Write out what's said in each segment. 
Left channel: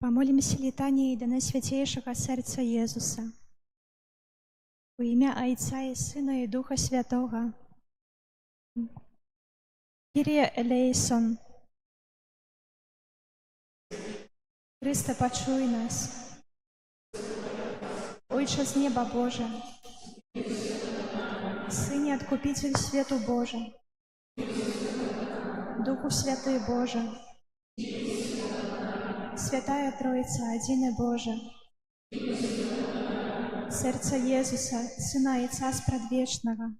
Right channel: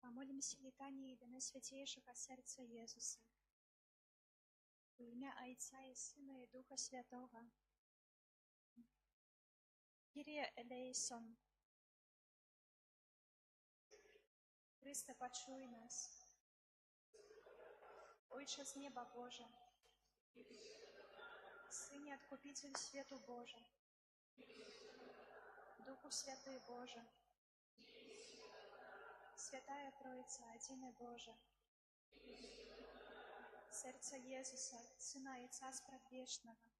Помолимся летанией до Наисвятейшего Сердца Иисуса. Во имя Отца и Сына и Духа Святого. Kyrie eleison. Христе, почуй нас. Отче с неба Боже, Сыне Откупитель свету Божий, Духу Святый Боже, Святая Троица, один и Боже, Сердце Иисуса, Сына Отца Предвечного,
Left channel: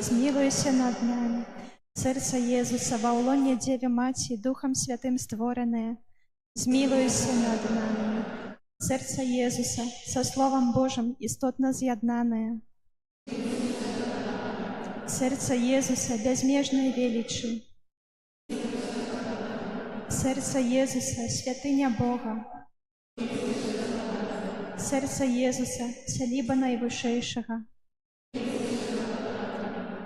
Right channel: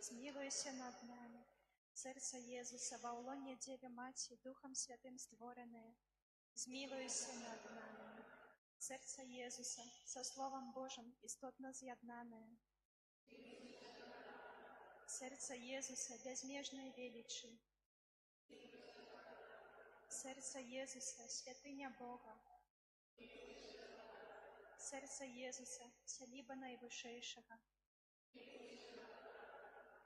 смилуйся над нами. Сердце Иисуса, во улоне Деве Мати, Духом Святым створенное, змилуйся над нами. Сердце Иисуса, со Словом Божьим истотно з'єднане. Сердце Иисуса, безмежной величи. Сердце Иисуса, святыня Бога. Сердце Иисуса, солиба Наивышейшего.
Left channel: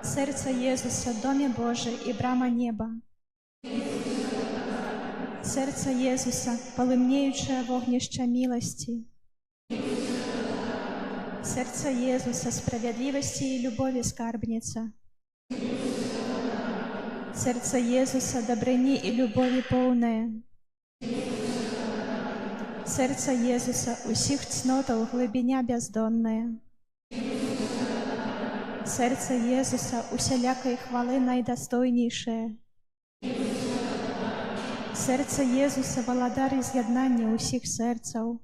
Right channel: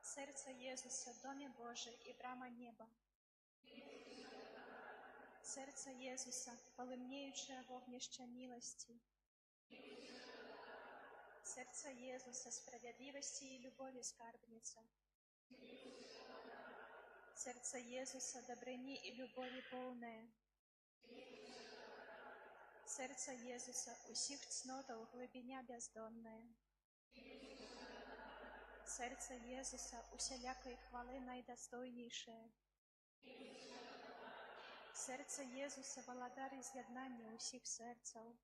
Сердце Иисуса, доме Божий и брама неба. Сердце Иисуса, полымнеючее вогнище милости. Сердце Иисуса, справедливости и любови скарбница. Сердце Иисуса, добрыни и любови полное. Сердце Иисуса, усих цнотов глубиня бездонная. Сердце Иисуса, усялякой хвалы найдостойнейшее. Сердце Иисуса, володар из'єднання усіх серців.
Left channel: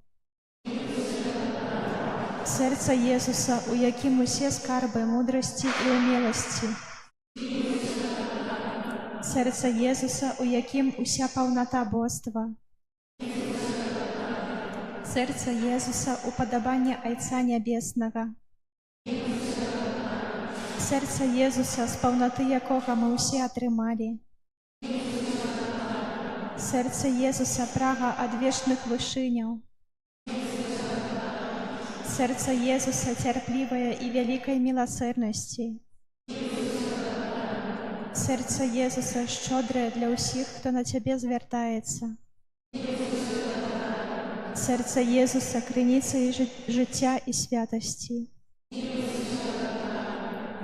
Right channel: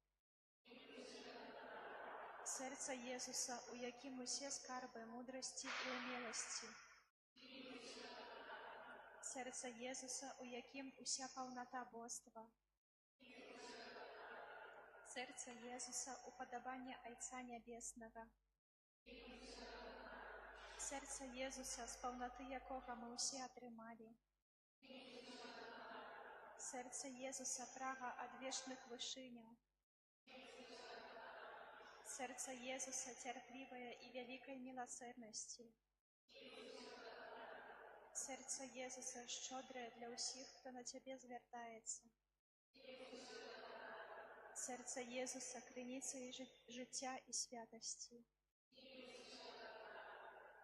Сердце Иисуса, у яким усе скарби мудрости и умелости. Сердце Иисуса, у яким уся полнота божества. Сердце Иисуса, уподобание Отца Небесного. Сердце Иисуса, з полноты якого мы усе отрымали. Сердце Иисуса, прага от вечных вышинял. Сердце Иисуса, терпливое и великой милосердности. Сердце Иисуса, щедрое для усіх, кто на Тебе звертается. Сердце Иисуса, криниця и життя и святости.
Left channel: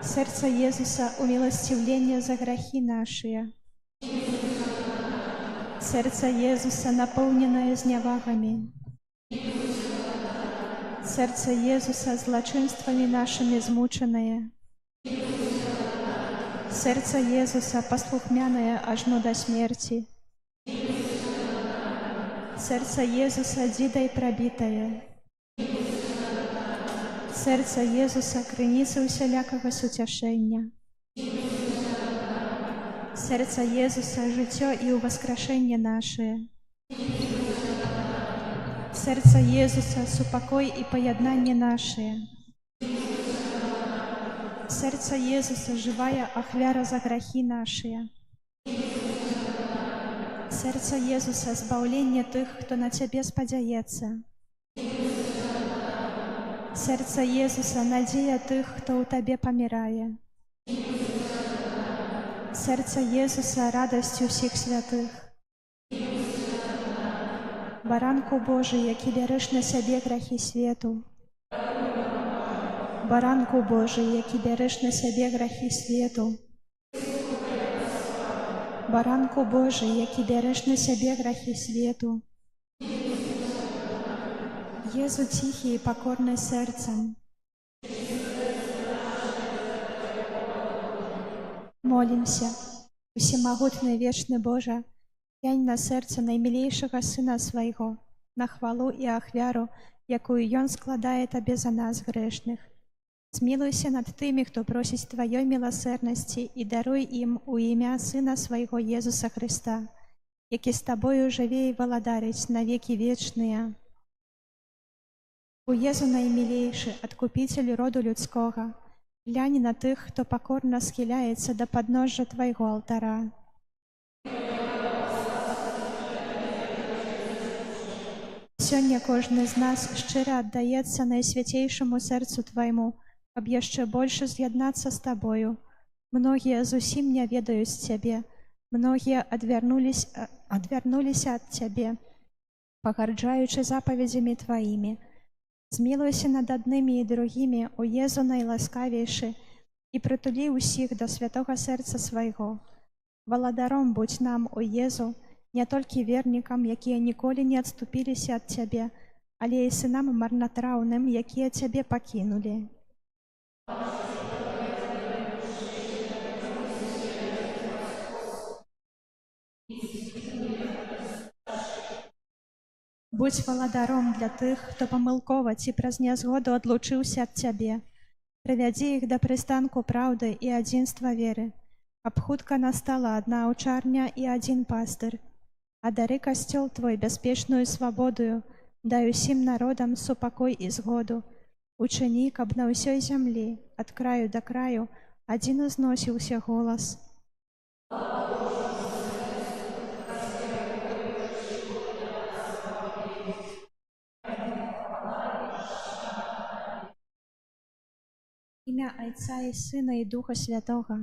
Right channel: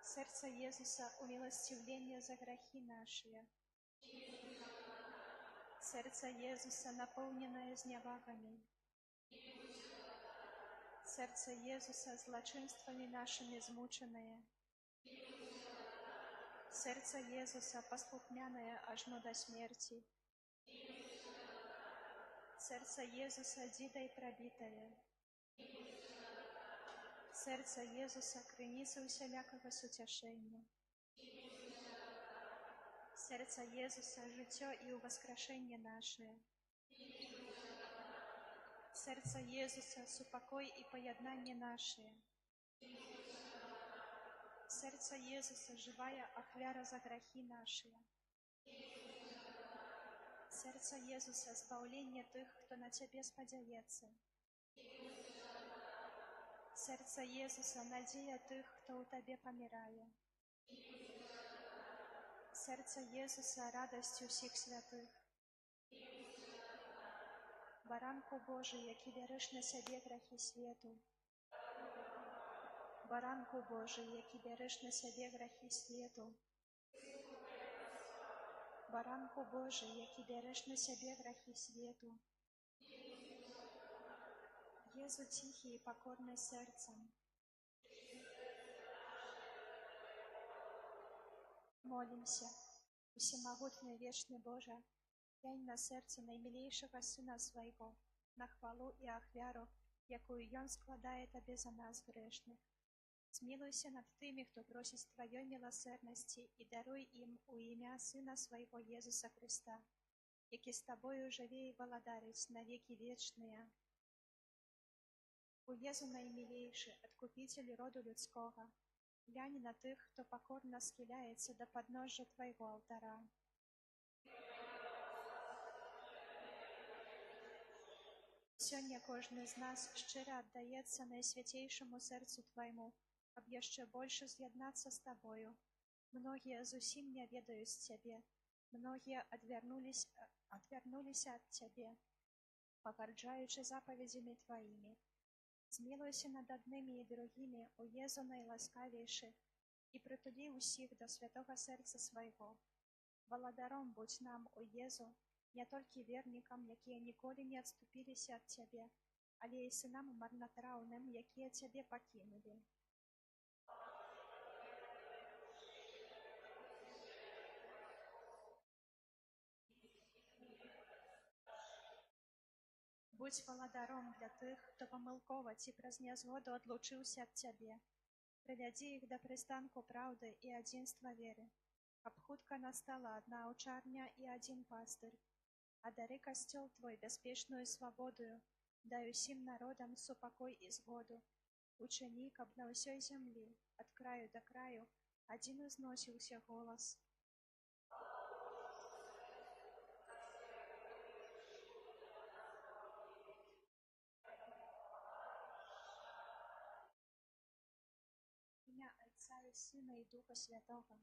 Сердце Иисуса, умилостивление за грехи наши. Сердце Иисуса, наполненное зневагами. Сердце Иисуса, злочинствами нашими измученное. Сердце Иисуса, послухмяное аж до смерти. Сердце Иисуса, дидой пробитое. Сердце Иисуса, криниця усялякого сутешення. Сердце Иисуса, життя и увоскрешение наше. Сердце Иисуса, супокой и поєднання наше. Сердце Иисуса, живая охвяра за грехи наши. Сердце Иисуса, збавление тих, кто на Тебе сподяется. Сердце Иисуса, надія тих, кто у Тебе помирає. Сердце Иисуса, радость усіх святих. Баранку Божий, який береш на себе грехи свету. Баранку Божий, який береш на себе грехи свету. Баранку Божий, який береш на себе грехи свету. Єзу тихий и покорный сердцем. Молимся, всемогутный вечный Боже, глянь на серце наймилейшего Сына Своего, на хвалу и ахвяру, якую Ён складає Тебе за нас грешных. Змилуйся над тими, кто просить Твоей милосердности, и даруй им у ім'я Сына Своего Иисуса Христа, який с Тобою живе и володарить на веки вечные. У Єзу наймилейший, Откупитель роду людского, глянь на тих, хто покорно схиляється до подножжя Твоего алтара. Сьогодні кожен з нас щиро віддається Найсвятейшому серцю Твоєму, щоб ще більше з'єднатися з Тобою. Многие зовсім не ведають Тебе, многие отвернулись от Тебе, пагарджаючы запаведзямі Тваімі. Змілуйся над аднымі і другімі, у Езу найласкавейшы, і прытулі ўсіх да святога сэрца свайго. Валадаром будзь нам, у Езу, не толькі вернікам, якія ніколі не адступіліся ад Цябе, але і сынам марнатраўным, якія Цябе пакінулі. Будзь валадаром для тых, хто памылкова ці праз нязгоду адлучыўся ад Цябе. Прывядзі іх да прыстанку праўды і адзінства веры, каб хутка настала адна аўчарня і адзін пастыр. А дары касцёл Твой бяспечную свабодою, дай усім народам супакой і згоду. Учыні, каб на ўсёй зямлі, ад краю да краю, адзін узносіўся голас. Імя Айца і Сына і Духа Святога.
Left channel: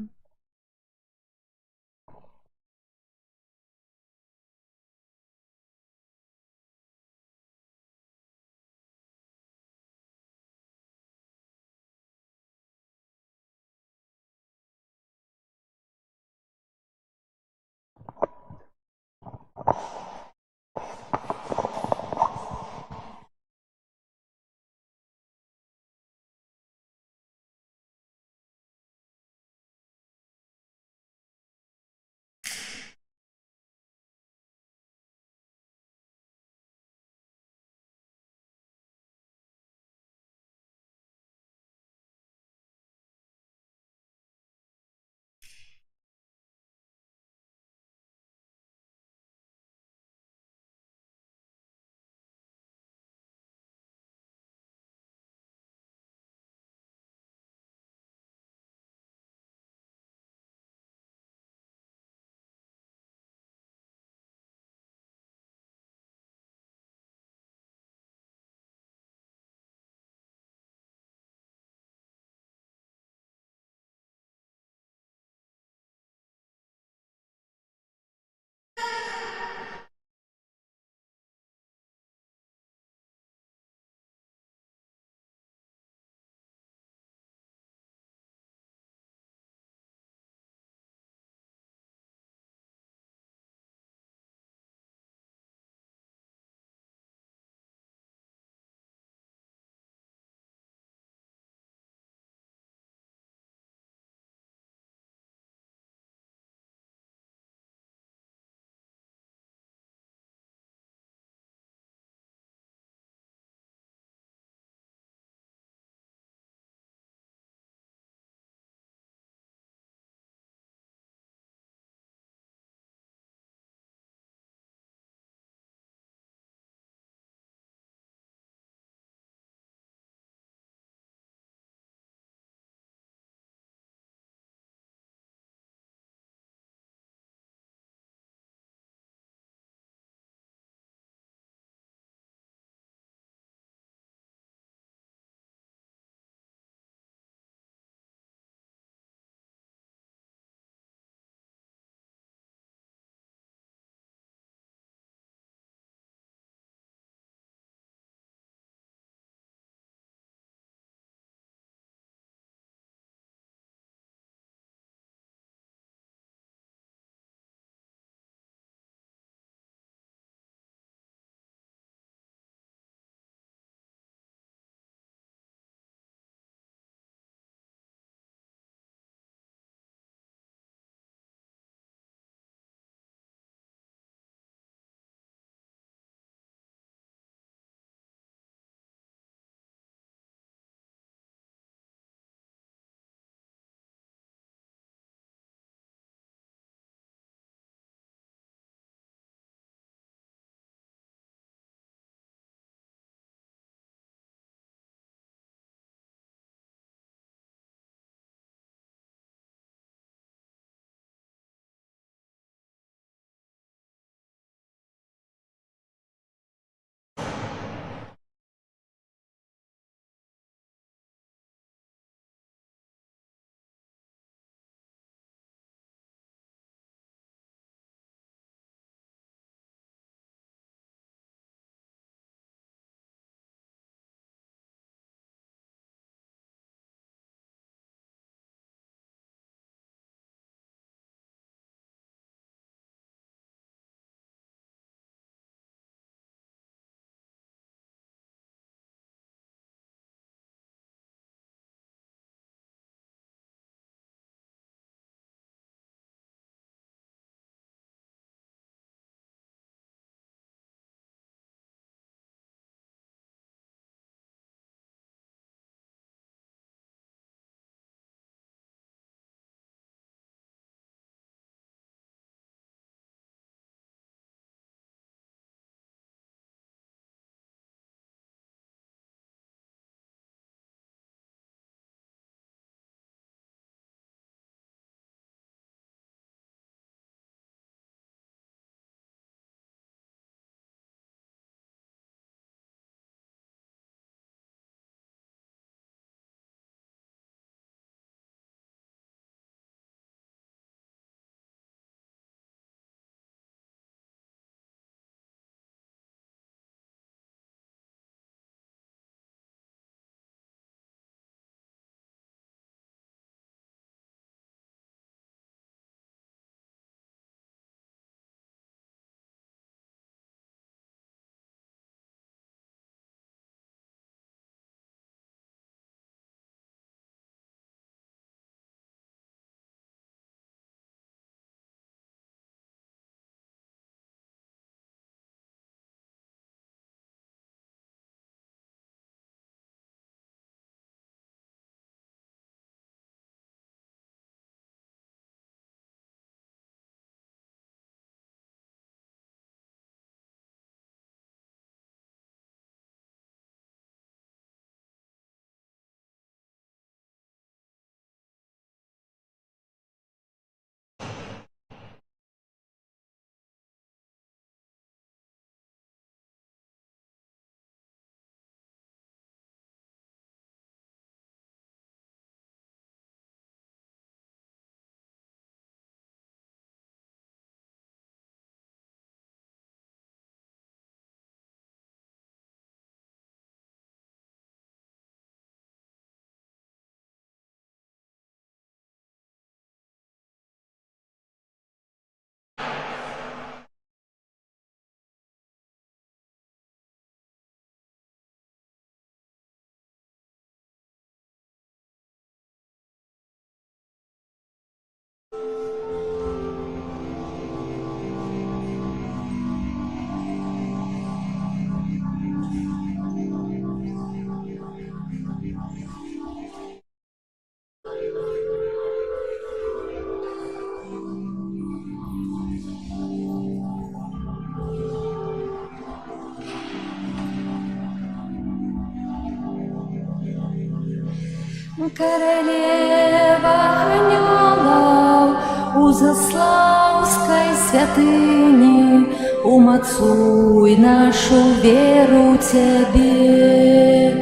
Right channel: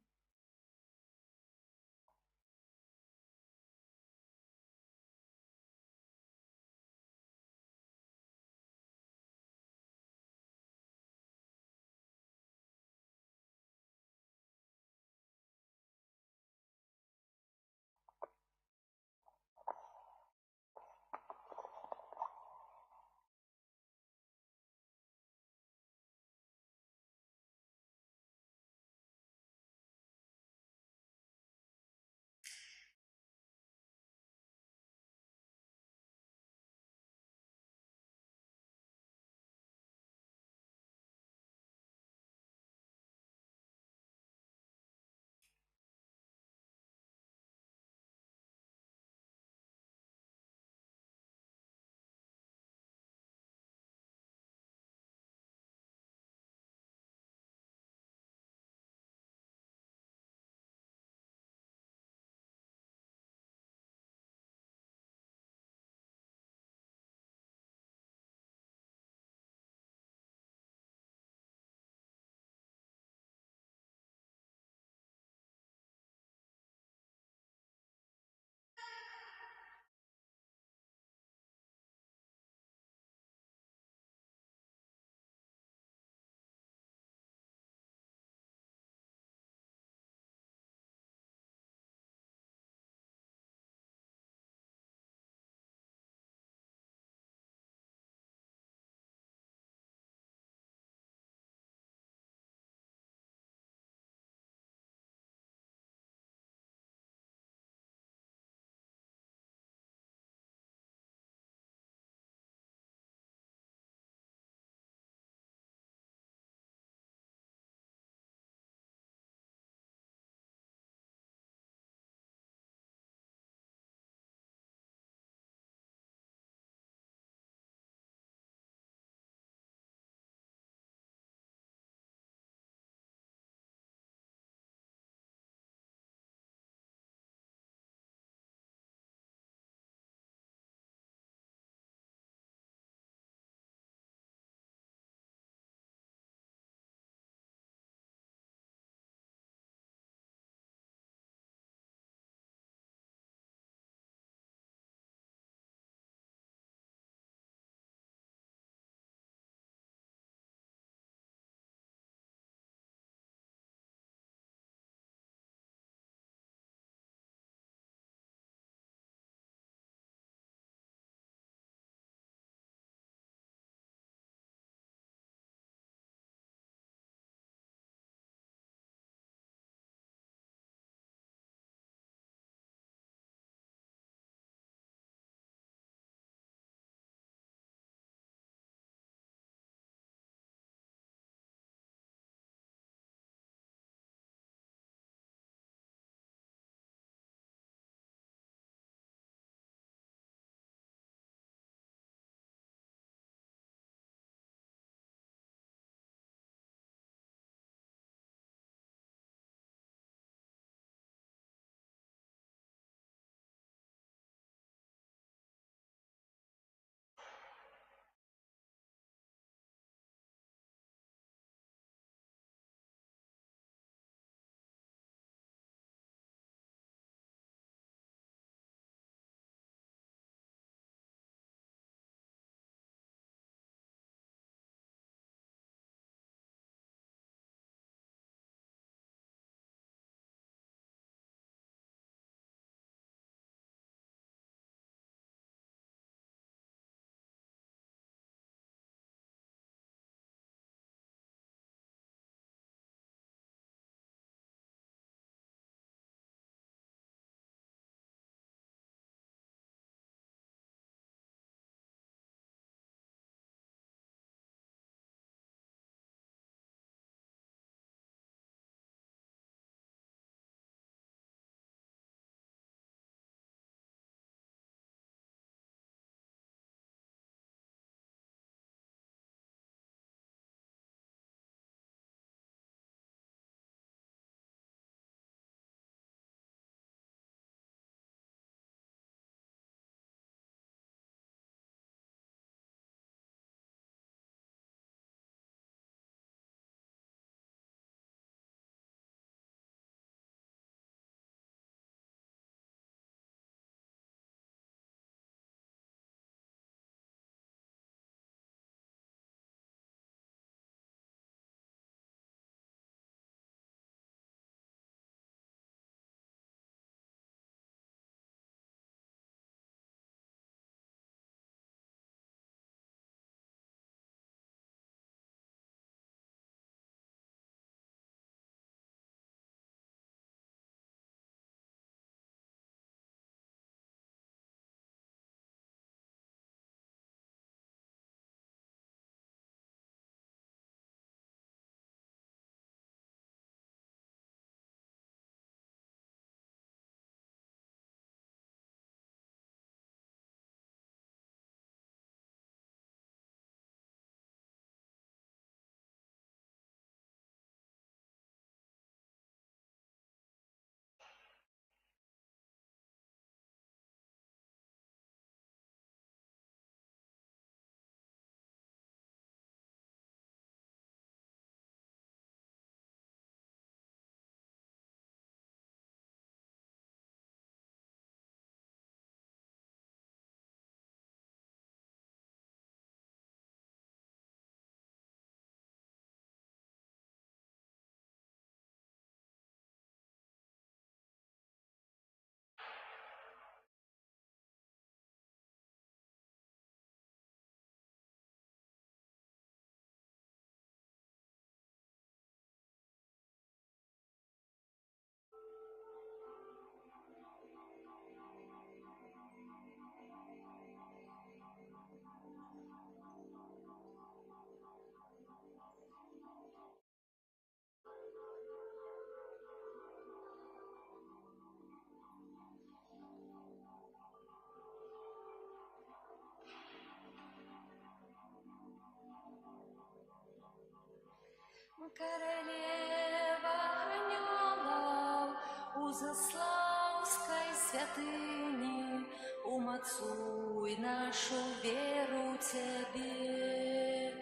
Королева анёлов у Заславской святыни, умацуй нашу веру Тебе.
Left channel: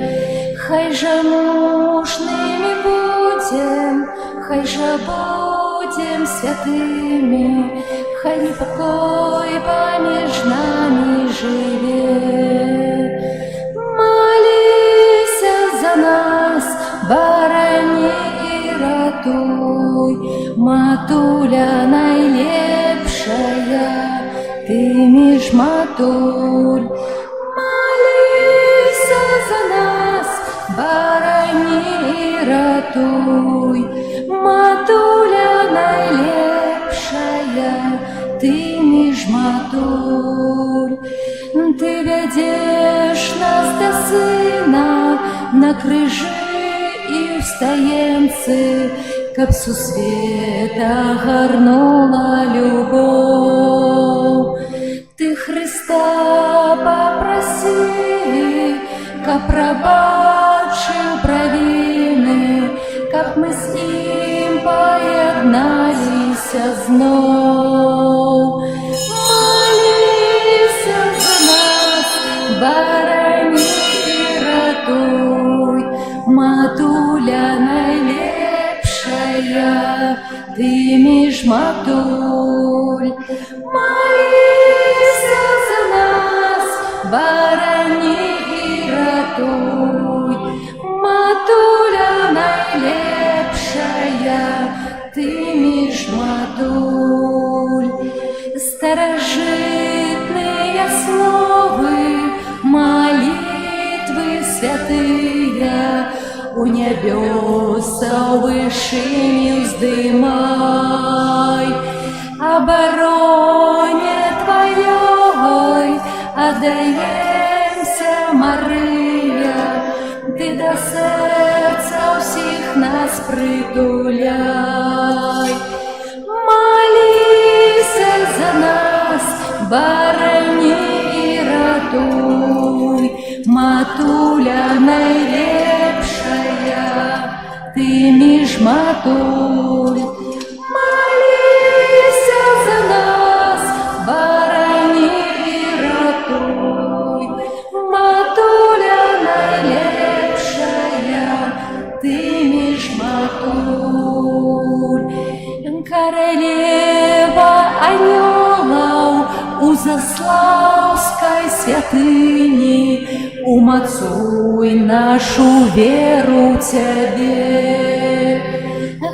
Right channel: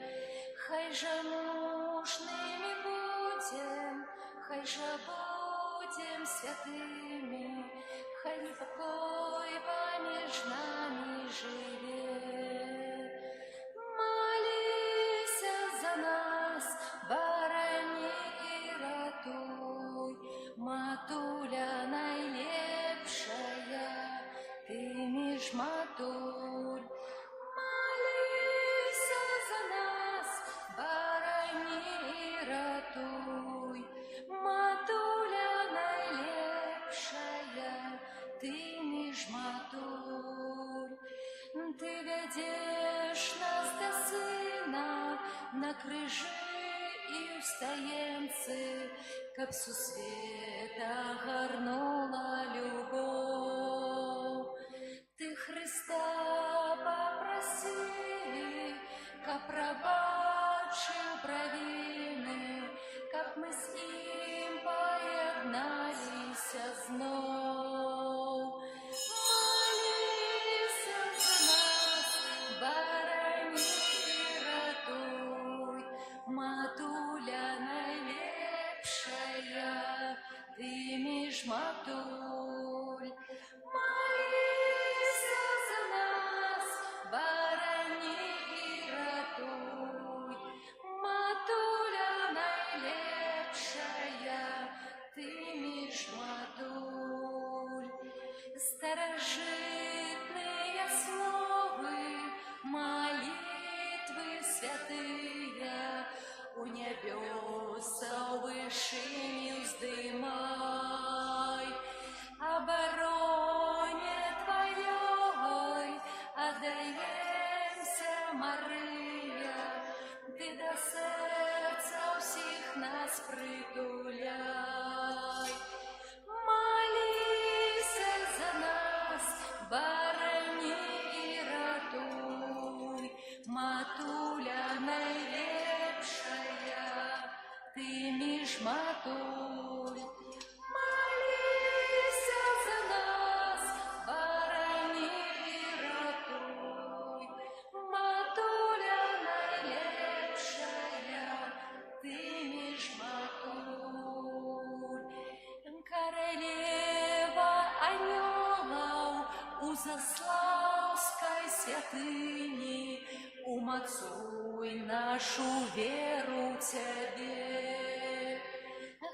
Хай же мужными будем, хай же будем святыми, хай непокой помеж нами живет. Молися за нас, барани и ратуй, матуля найлепшая, ты між матуль. Молися за нас, барани и ратуй, матуля найлепшая, ты між матуль. Ты ведешь нас до сына на крыжи и встаемцы, каб су света горнула любовь. Ты Христа попроси, каб пробачил провины, каб мы с ним поєднались знов. Молися за нас, барани и ратуй, матуля найлепшая, ты між матуль. Молися за нас, барани и ратуй, матуля найлепшая, ты між матуль. Старожитные словы, молитвы святые, у небеса вышинью вздымай. Обороне Твоей отдаемся, Мария, ты до сердца всех нас притуляй. Молися за нас, барани и ратуй, матуля найлепшая, ты між матуль. Молися за нас, барани и ратуй, матуля найлепшая, ты між матуль. Королева анёлов у Заславской святыни, умацуй нашу веру Тебе.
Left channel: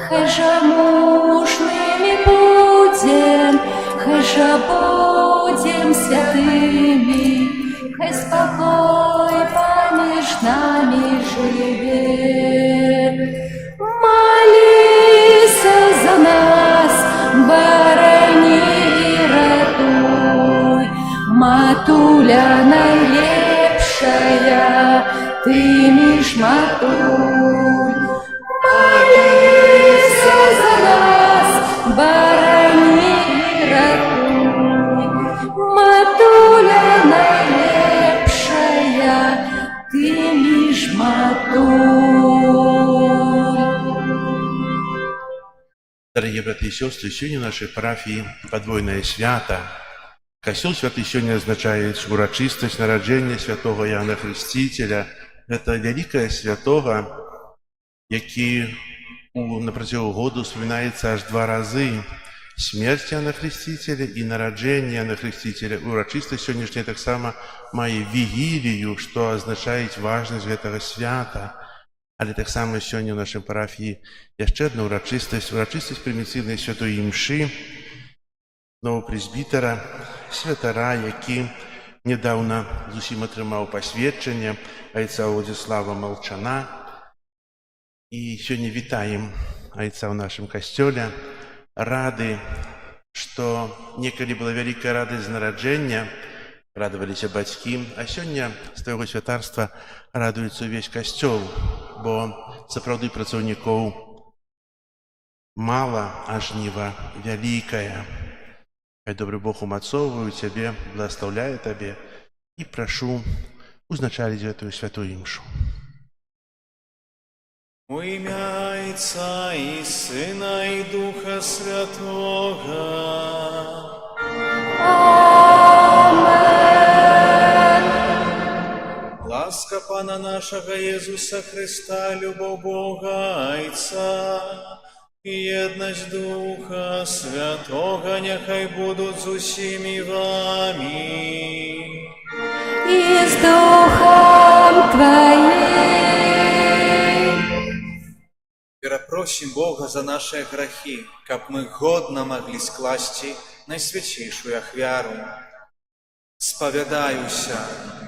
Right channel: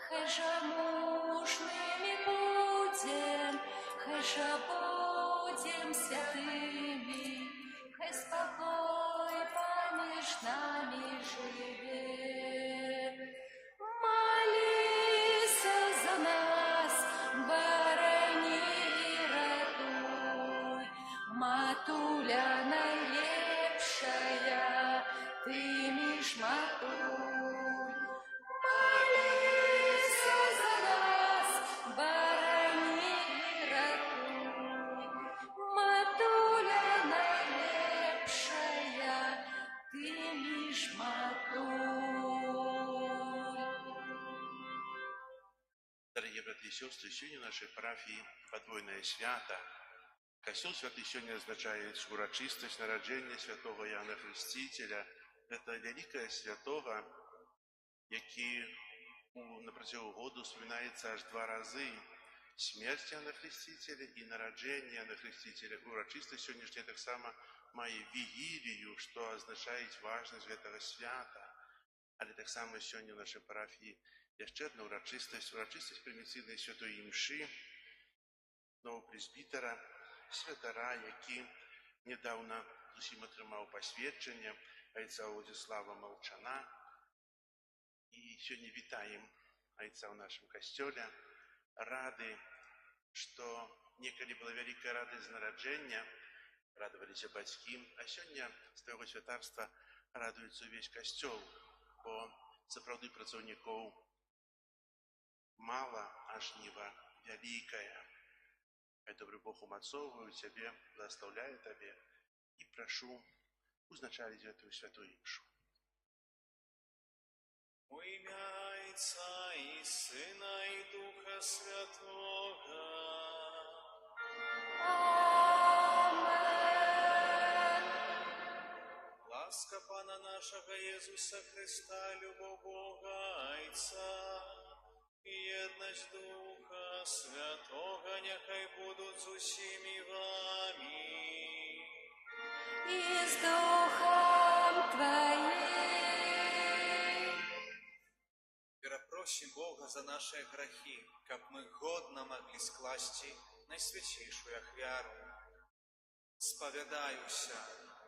Хай же мужными будем, хай же будем святыми, хай спокой помеж нами живет. Молися за нас, барани и ратуй, матуля найлепшая, ты між матуль. Молися за нас, барани и ратуй, матуля найлепшая, ты між матуль. Дорогие братья и сестры, сегодня в нашей парафии подвойное свято. Костел святый сегодня означает урочистость народжения святого Иоанна Хрестителя. Это великое святого, який на протягу году вспоминается аж 2 разы. Смерть Иоанна Хрестителя и народжение Иоанна Хрестителя. Урочистость сегодняшняя так само має вігілію, что означает важность этого свята. Але так само сьогодні в нашій парафії є ще одна урочистість примітивної святої мши нового пресбітера, святара, який недавно з усім отримав посвячення, отця Владислава Молчана. І сьогодні вітаємо отця в нашому костелі, рады, што некалі была вялікая радасць з нараджэння, радаваліся бацькі, а сёння з твайго святарства радуецца ўвесь касцёл, бо сапраўды працаўнікоў мала, а жніва вялікае. Хай добры Бог умацоўвае цябе, благаслаўляе табе і прашу узначаліць гэтую святую імшу. У імя Отца і Сина і Духа Святого. Ласка Пана нашого Єсуса Христа, любов Бога Отца і єдність Духа Святого нехай будуть з усіми вами. И с Духом Твоим. Перапросім Бога за наши грехи, каб мы годно могли скласти найсвятейшую ахвяру. Споведаюся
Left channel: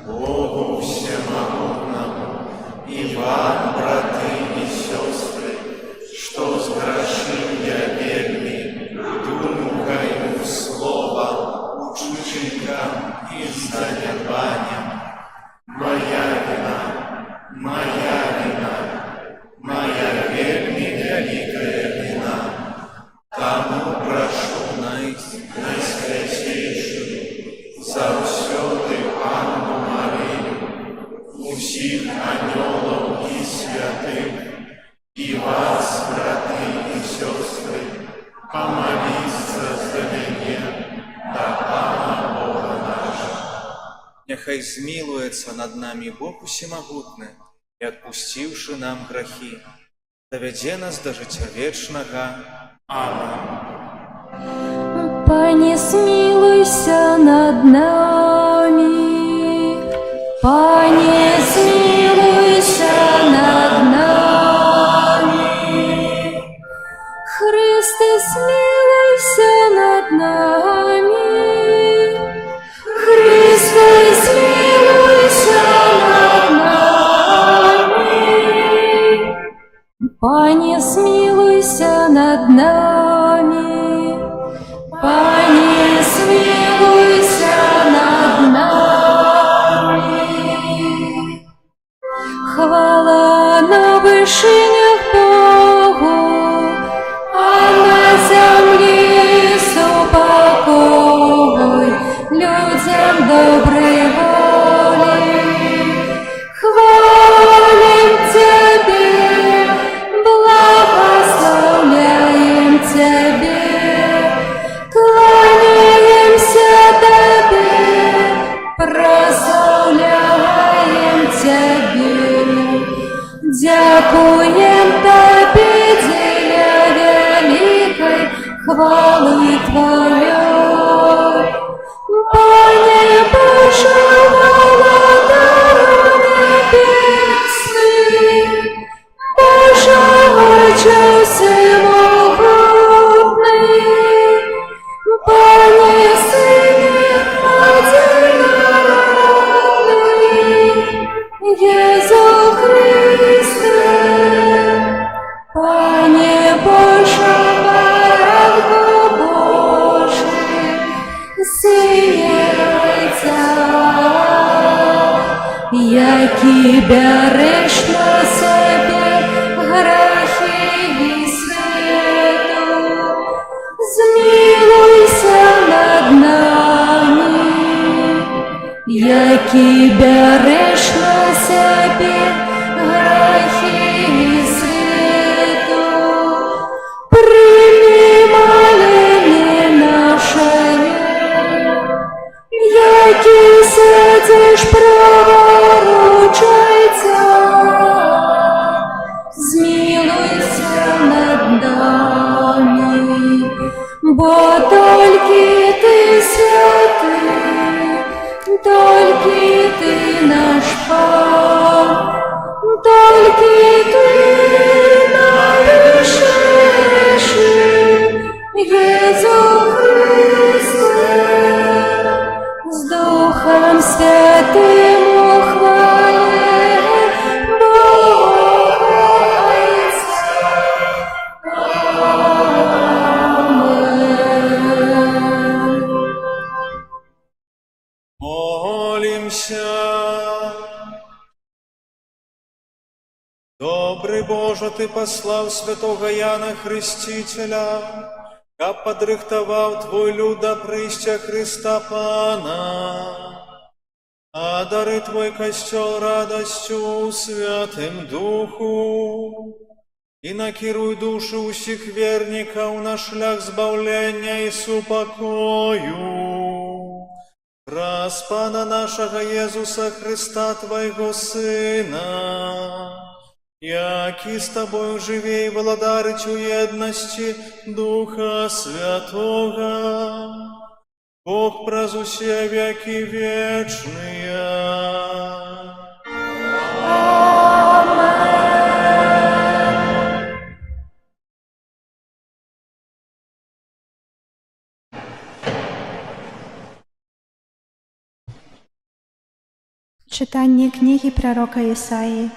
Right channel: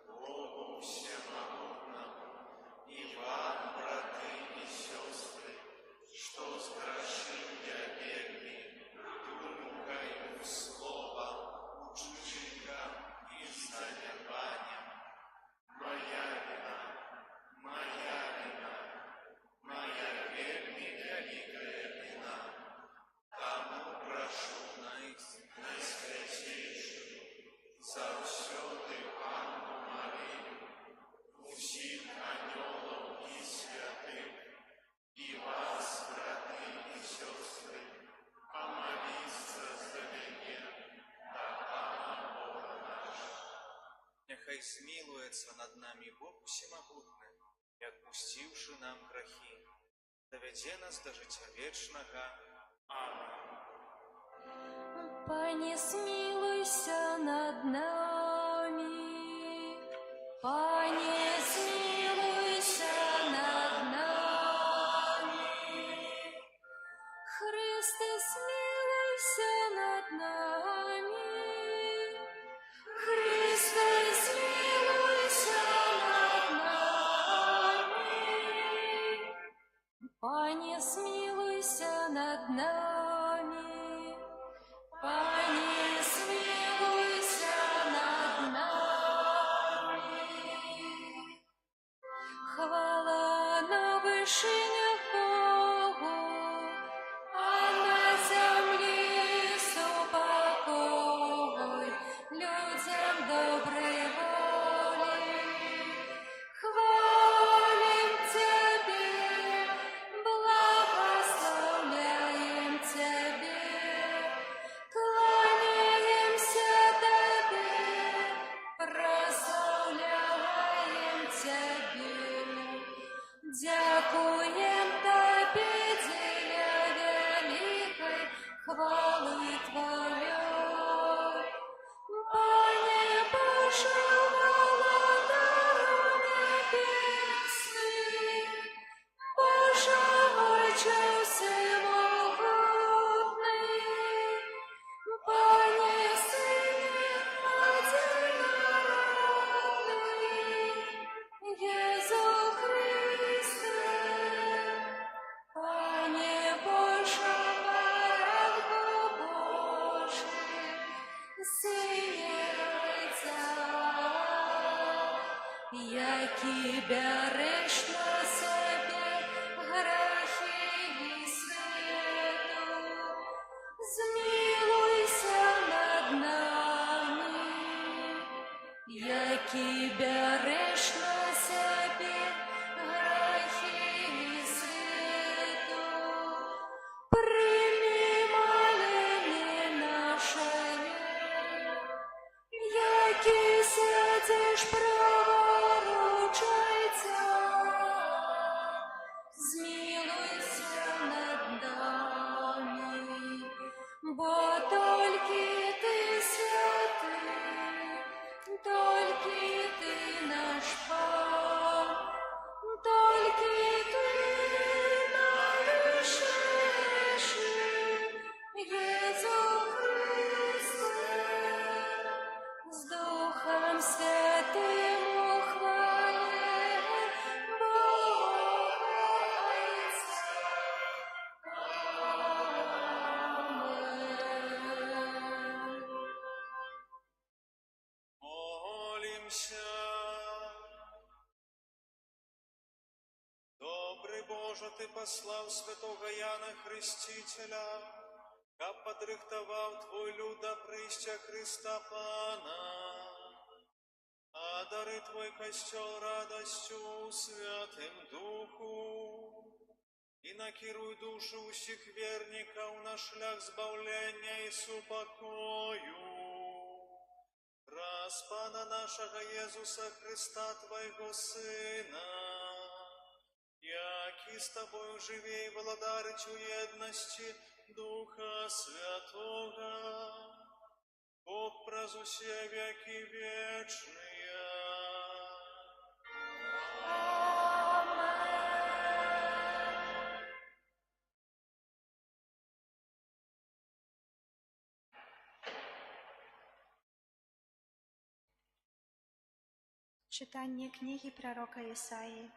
Богу Всемогутному и вам, браты и сестры, что сгрешил я вельми думкою, словом, учинком и занятанием. Моя вина, моя вельми великая вина. Тому прошу найсвятейшую заўсёды Анну Марию, усіх анёлаў и святых, и вас, браты и сестры, помолиться за меня до Пана Бога нашего. Нехай змилуется над нами Бог Всемогутный, и отпустивши нам грехи, доведе нас до життя вечного. Аминь. Пане, смилуйся над нами, Пане, смилуйся над нами, Христе, смилуйся над нами, Христе, смилуйся над нами, Пане, смилуйся над нами. Пане, смилуйся над нами. Хвала на вышинях Богу, а на земле супокой людям доброй воли. Хвалим Тебе, благословляем Тебе. Кланяемся Тебе, прославляем Тебе, дякуем Тебе, деля великой хвалы Твоей. Пане Боже, владыко небесный, Боже, Отче всемогутный, Пане, Сыне одинокий, Иису Христе, Пане Боже, Баранко Божий, Сыне Отца, який береш на себе грехи і світу, змилуйся над нами, який береш на себе грехи і світу. Прийми моління наше, який сидиш праворуч Отця. Змилуйся над нами, бо тільки Ти святий, тільки Ти наш Пан, тільки Ти найвищий, Єсу Христе, з Духом Святим у хвалі Бога Отця. Аминь. Добрый Боже, Ты послав святого Яна Хрестителя, каб падрыхтаваў Твой люд да прыйсця Христа Пана, а дары Твой касцёл радасцю Святым Духу, і накіруй душы ўсіх вернікаў на шлях збаўлення і супакою. Праз Пана нашага Езуса Христа, Твайго Сына, які з Тобою жыве і валадарыць у еднасці Духа Святога, Бог праз усе векі вечныя. Читання книги пророка Ісаї.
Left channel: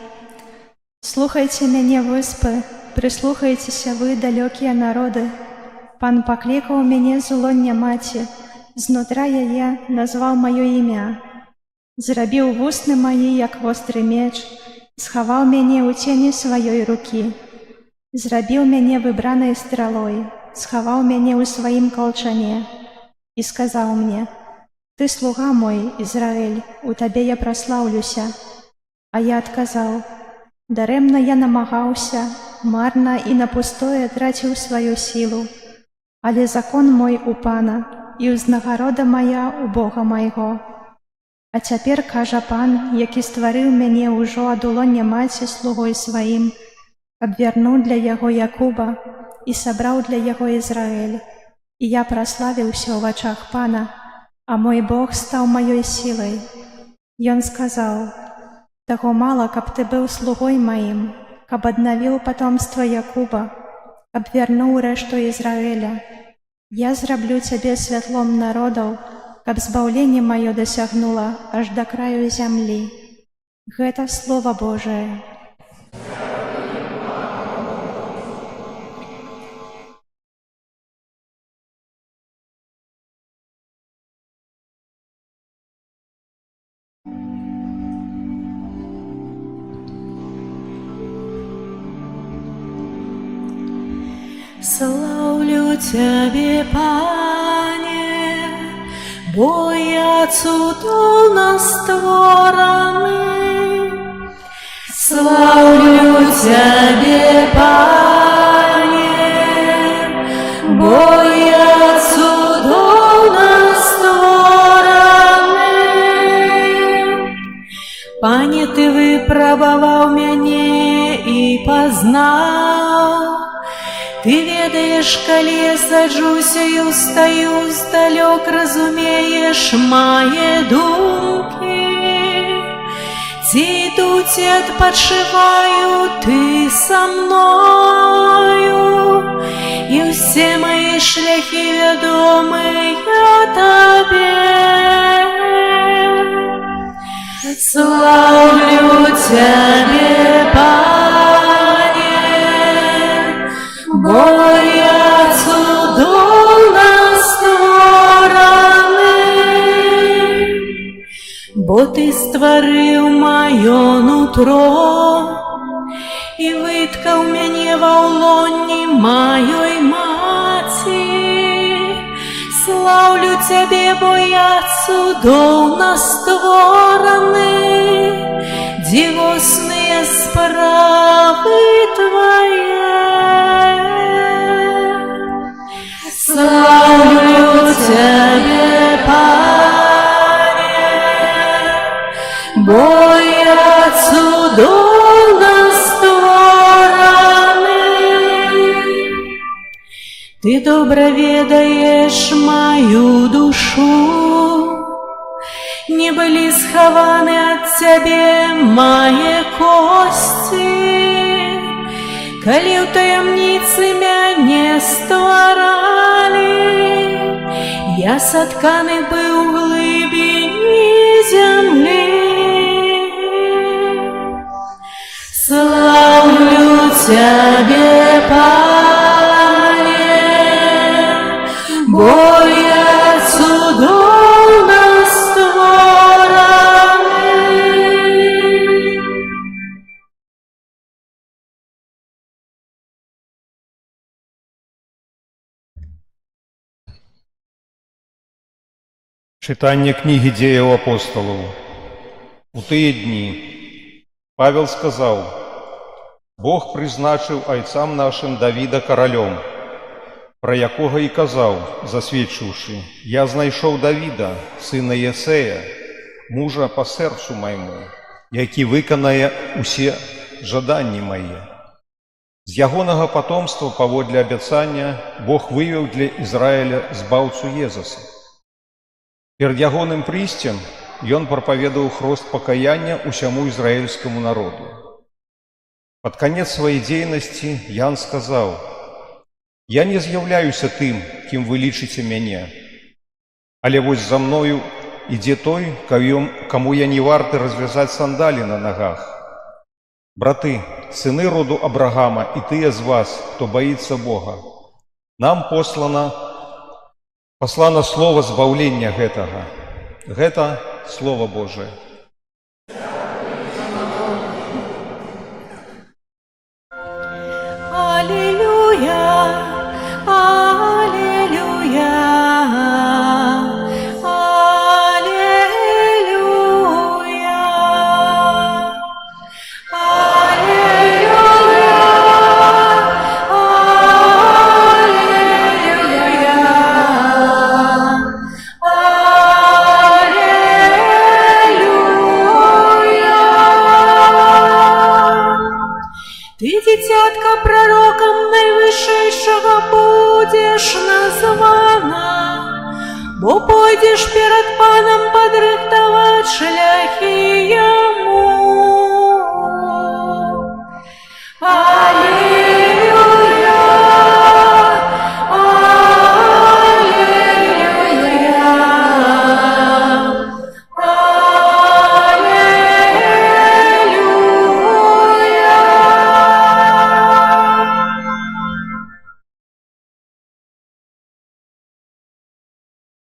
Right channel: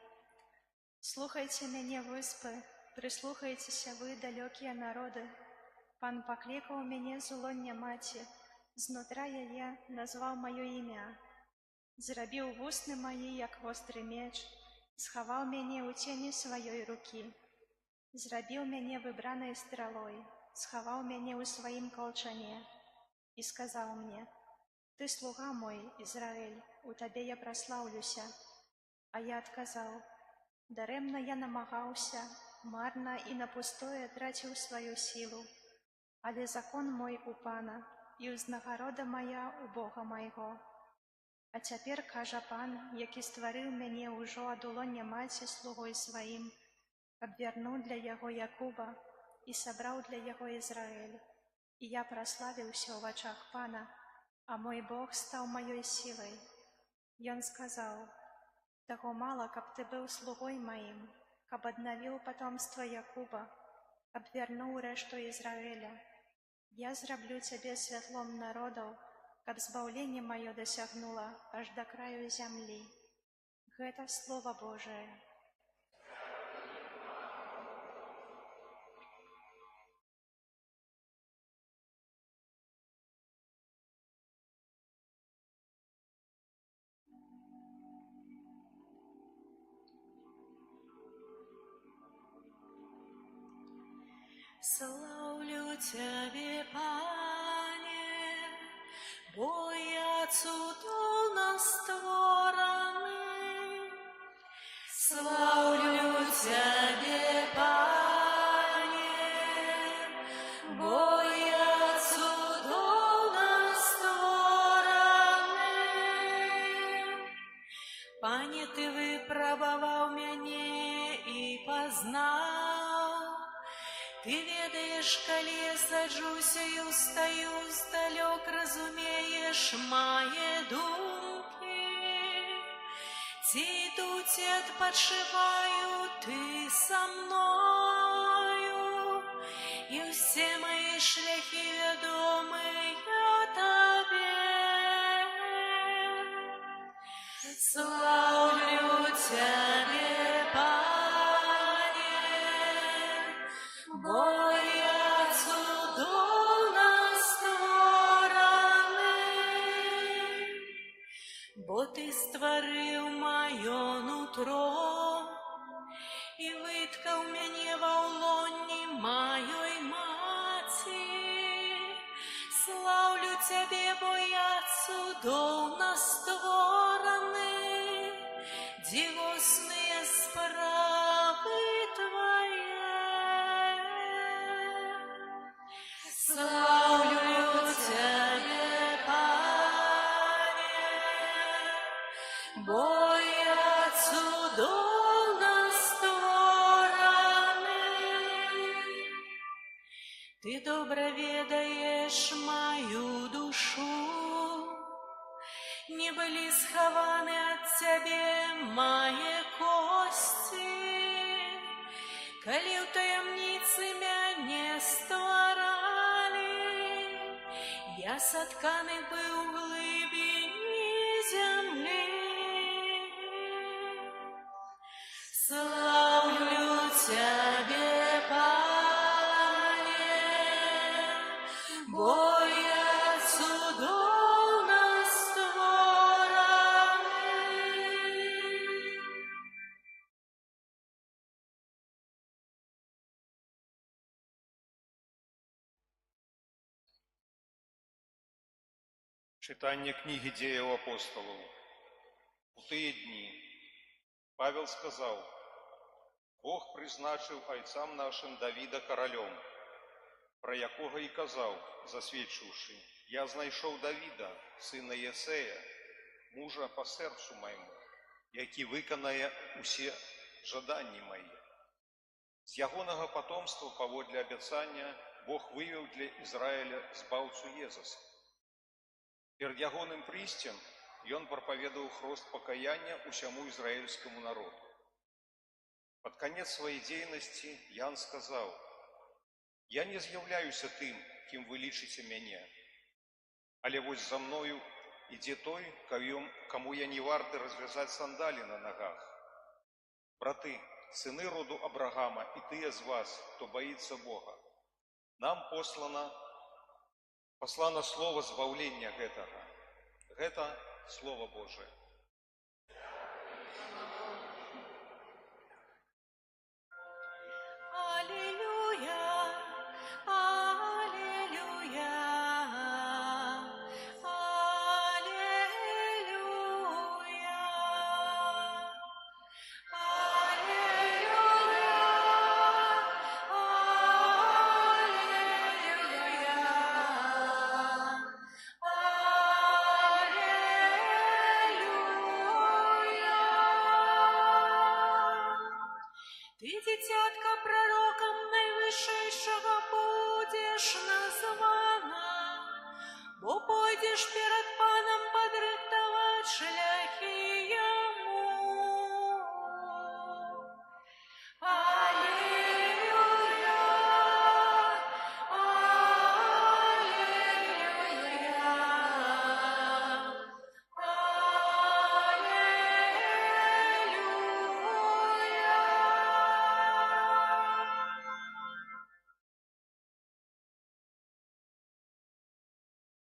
Слухайте мяне, выспы, прислухайтеся вы, далекие народы. Пан покликал мяне з улоння маці, знутра яе назваў маё імя. Зрабіў вусны маі, як востры меч, схаваў мяне ў цені сваёй рукі. Зрабіў мяне выбранай стралой, схаваў мяне ў сваім калчане і сказаў мне: «Ты слуга мой, Ізраэль, у табе я праслаўлюся». А я адказаў: «Дарэмна я намагаўся, марна і на пустое траціў сваю сілу, але закон мой у Пана, і ўзнагарода моя у Бога майго. А цяпер, кажа Пан, які стварыў мяне ўжо ад улоння маці слугой сваім, каб вярнуў для яго Якуба і сабраў для яго Ізраэль. І я праславіўся ў вачах Пана, а мой Бог стаў маёй сілай. Ён сказаў: «Таго мала, каб ты быў слугой маім, каб аднавіў патомства Якуба, каб вярнуў рэшту Ізраэля. Я зраблю цябе святлом народаў, каб збаўленне маё дасягнула аж да краю зямлі». Гэта Слова Божае. Славлю Тебе, Пане, бо я цудоўна створаны. Славлю Тебе, Пане, бо я цудоўна створаны. Пане, Ты выпрабаваў мяне і пазнаў. Ты ведаеш, калі я саджуся і устаю здалёк, разумееш мае думкі. Ці іду, ці адпачываю, Ты са мною, і ўсе мае шляхі вядомыя Табе. Славлю Цябе, бо я цудоўна створаны, бо Ты стварыў маё нутро і выткаў мяне ва ўлонні маёй маці. Слаўлю Цябе, бо я цудоўна створаны, дзівосныя справы Твае. Славлю Тебе, Пане, бо я цудоўна створаны. Ты добра ведаеш маю душу, не былі схаваны ад Цябе мае косці, калі ў таямніцы мяне стваралі. Я сатканы быў у глыбіні зямлі. Слаўлю Цябе, Пане, бо я цудоўна створаны. Читання книги Дзеяў апостолаў. У тыя дні Павел сказаў: «Бог прызначыў айцам нашым Давіда каралём, пра якога і казаў, засведчыўшы: Я знайшоў Давіда, сына Єсея, мужа па сэрцу майму, які выканае усе жаданні мае». З ягонага патомства паводле абяцання Бог вывеў для Ізраіля збаўцу Езуса. Перад ягоным прыйсцем ён прапаведаў хрост пакаяння ўсяму ізраільскаму народу. Пад канец сваёй дзейнасці Ян сказаў: «Я не з'яўляюся тым, кім вы лічыце мяне, але вось за мною ідзе той, каму я не варты развязаць сандалі на нагах. Браты, сыны роду Абрагама і тыя з вас, хто баіцца Бога, нам послана слова збаўлення гэтага. Гэта Слова Божие». Аллилуйя, аллилуйя, аллилуйя, Ты, дитятка, пророком Найвышейшего будешь названа, бо пойдешь перед Паном подрыхтовать шляхи Ему. Аллилуйя,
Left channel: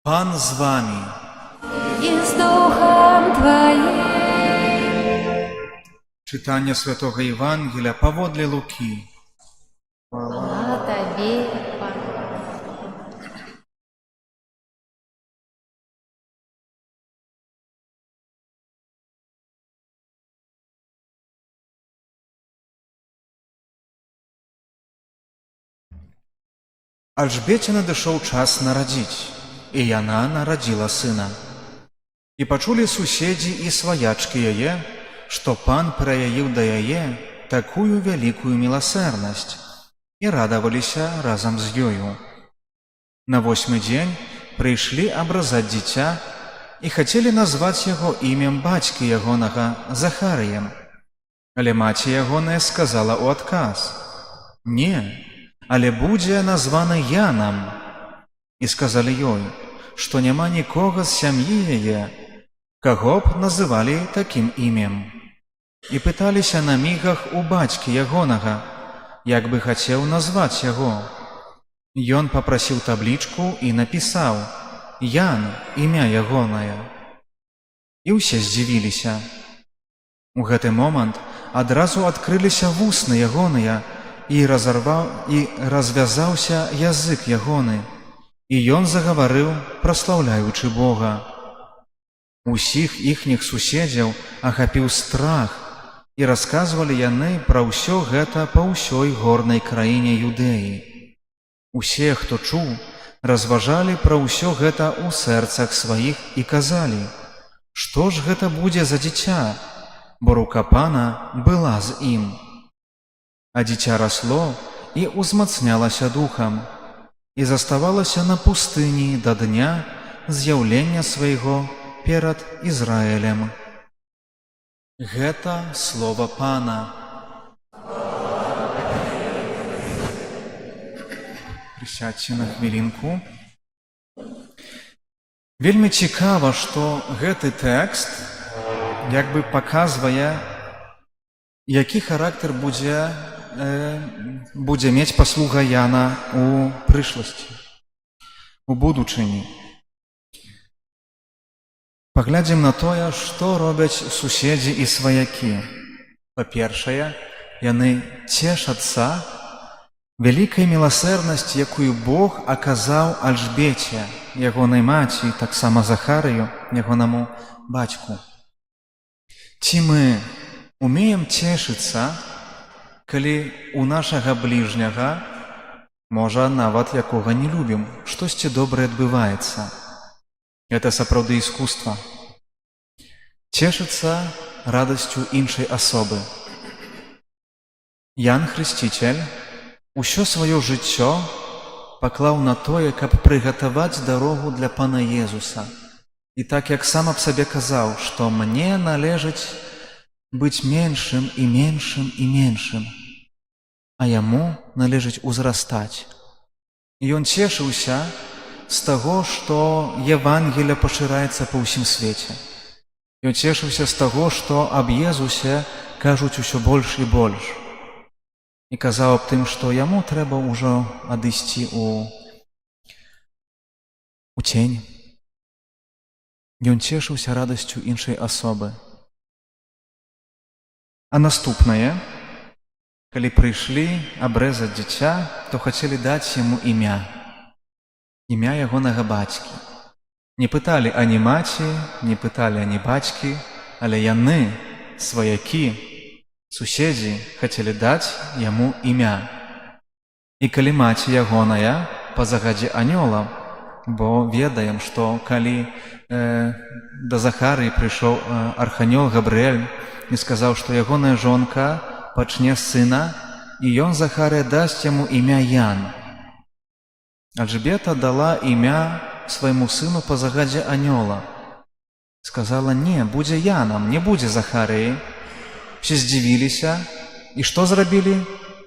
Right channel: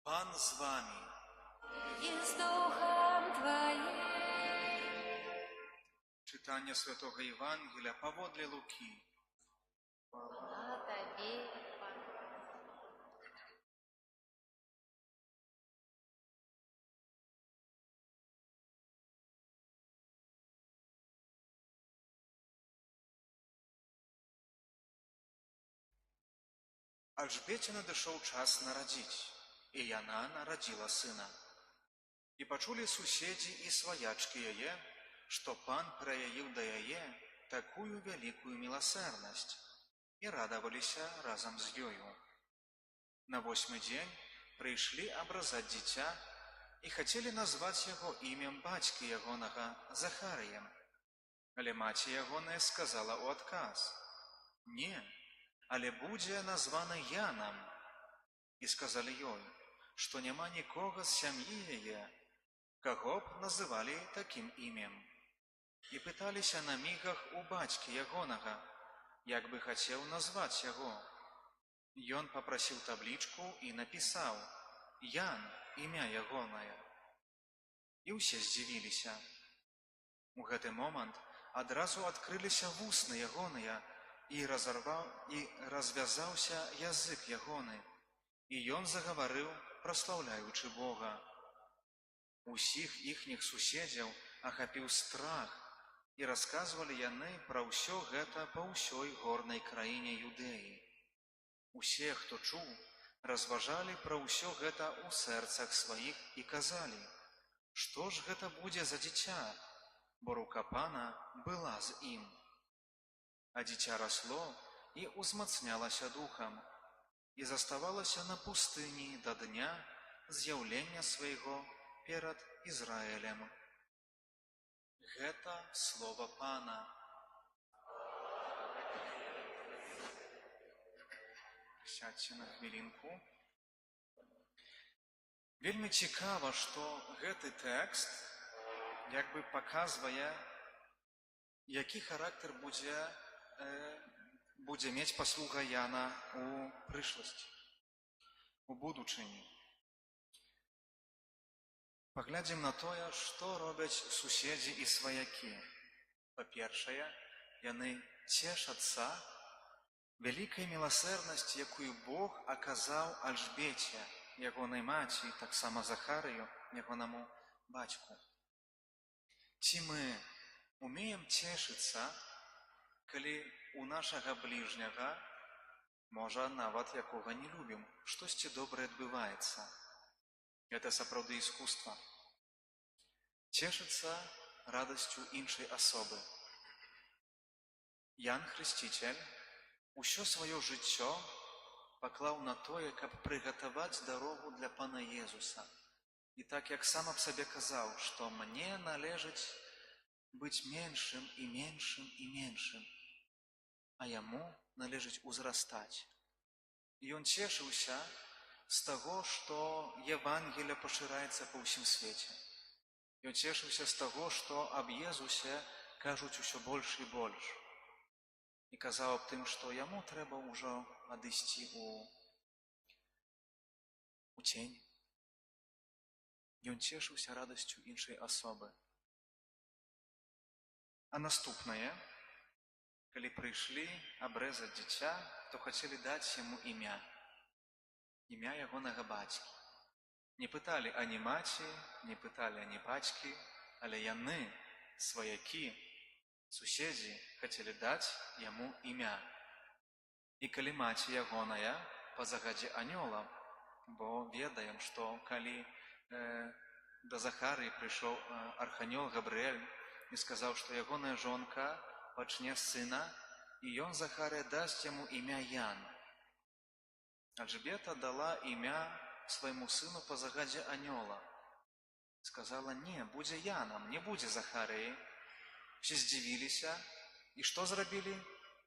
Пан з вами. и с Духом Твоим. Читання Святого Євангелія паводле Луки. Хвала Тебе, Пане. Альжбеце надышоў час нарадзіць, і яна нарадзіла сына. І пачулі суседзі і сваячкі яе, што пан праяіў да яе такую вялікую міласэрнасць, і радаваліся разам з ёю. На 8-й дзень прыйшлі абразаць дзіця і хацелі назваць яго імем бацькі ягонага Захарыем. Але маці ягоная сказала ў адказ: «Не, але будзе названы Янам». І сказалі ёй, што няма нікога з сям'і яе, каго б называлі такім імем. І пыталіся на мігах у бацькі ягонага, як бы хацеў назваць яго. Ён папрасіў таблічку і напісаў: «Ян, імя ягонае». І ўсе здзівіліся. У гэты момант адразу адкрыліся вусны ягоныя, і развязаўся язык ягоны, і ён загаварыў, праслаўляючы Бога. Усіх іхніх суседзяў ахапіў страх, і расказвалі яны пра ўсё гэта па ўсёй горнай краіне Юдэі. Усе, хто чуў, разважалі пра ўсё гэта ў сэрцах сваіх і казалі: «Што ж гэта будзе за дзіця?» Бо рука Пана была з ім. А дзіця расло і ўзмацнялася духам, і заставалася на пустыні да дня з'яўлення свайго перад Ізраілем. Гэта слова Пана. Прысядзьце на хвілінку. Вельмі цікава, што гэты тэкст як бы паказвае, які характар будзе мець паслуга Яна у прышласці, у будучыні. Паглядзім на тое, што робяць суседзі і сваякі. Па-першае, яны цешацца Вялікая міласэрнасць, якую Бог аказаў Альжбеце, ягонай маці, і таксама Захарыю, ягонаму бацьку. Ці мы умеем цешыцца, калі у нашага бліжняга, можа, нават якога не любім, штосьці добрае адбываецца? Гэта сапраўды іскусства. Цешыцца радасцю іншай асобы. Ян Хрысціцель усё сваё жыццё паклаў на тое, каб прыгатаваць дарогу для Пана Езуса. І так, як сам аб сабе казаў, што мне належыць быць меншым і меншым і меншым, а яму належыць узрастаць. І ён цешыўся з таго, што Евангелле пашыраецца па ўсім свеце. Ён цешыўся з таго, што аб Езусе кажуць усё больш і больш. І казаў аб тым, што яму трэба ўжо адысці у цень. Ён цешыўся радасцю іншай асобы. А наступнае, калі прыйшлі абрэзаць дзіця, то хацелі даць яму імя. Імя ягонага бацькі. Не пыталі ані маці, не пыталі ані бацькі, але яны, сваякі, суседзі, хацелі даць яму імя. І калі маці ягоная па загадзе анёла, бо ведаем, што калі да Захарыі прыйшоў арханёл Габрыэль і сказаў, што ягоная жонка пачне сына, і ён, Захарыя, дасць яму імя Ян. Альжбета дала імя свайму сыну па загадзе анёла. Сказала: не, будзе Янам, не будзе Захарыі. Все здзівіліся. І што зрабілі?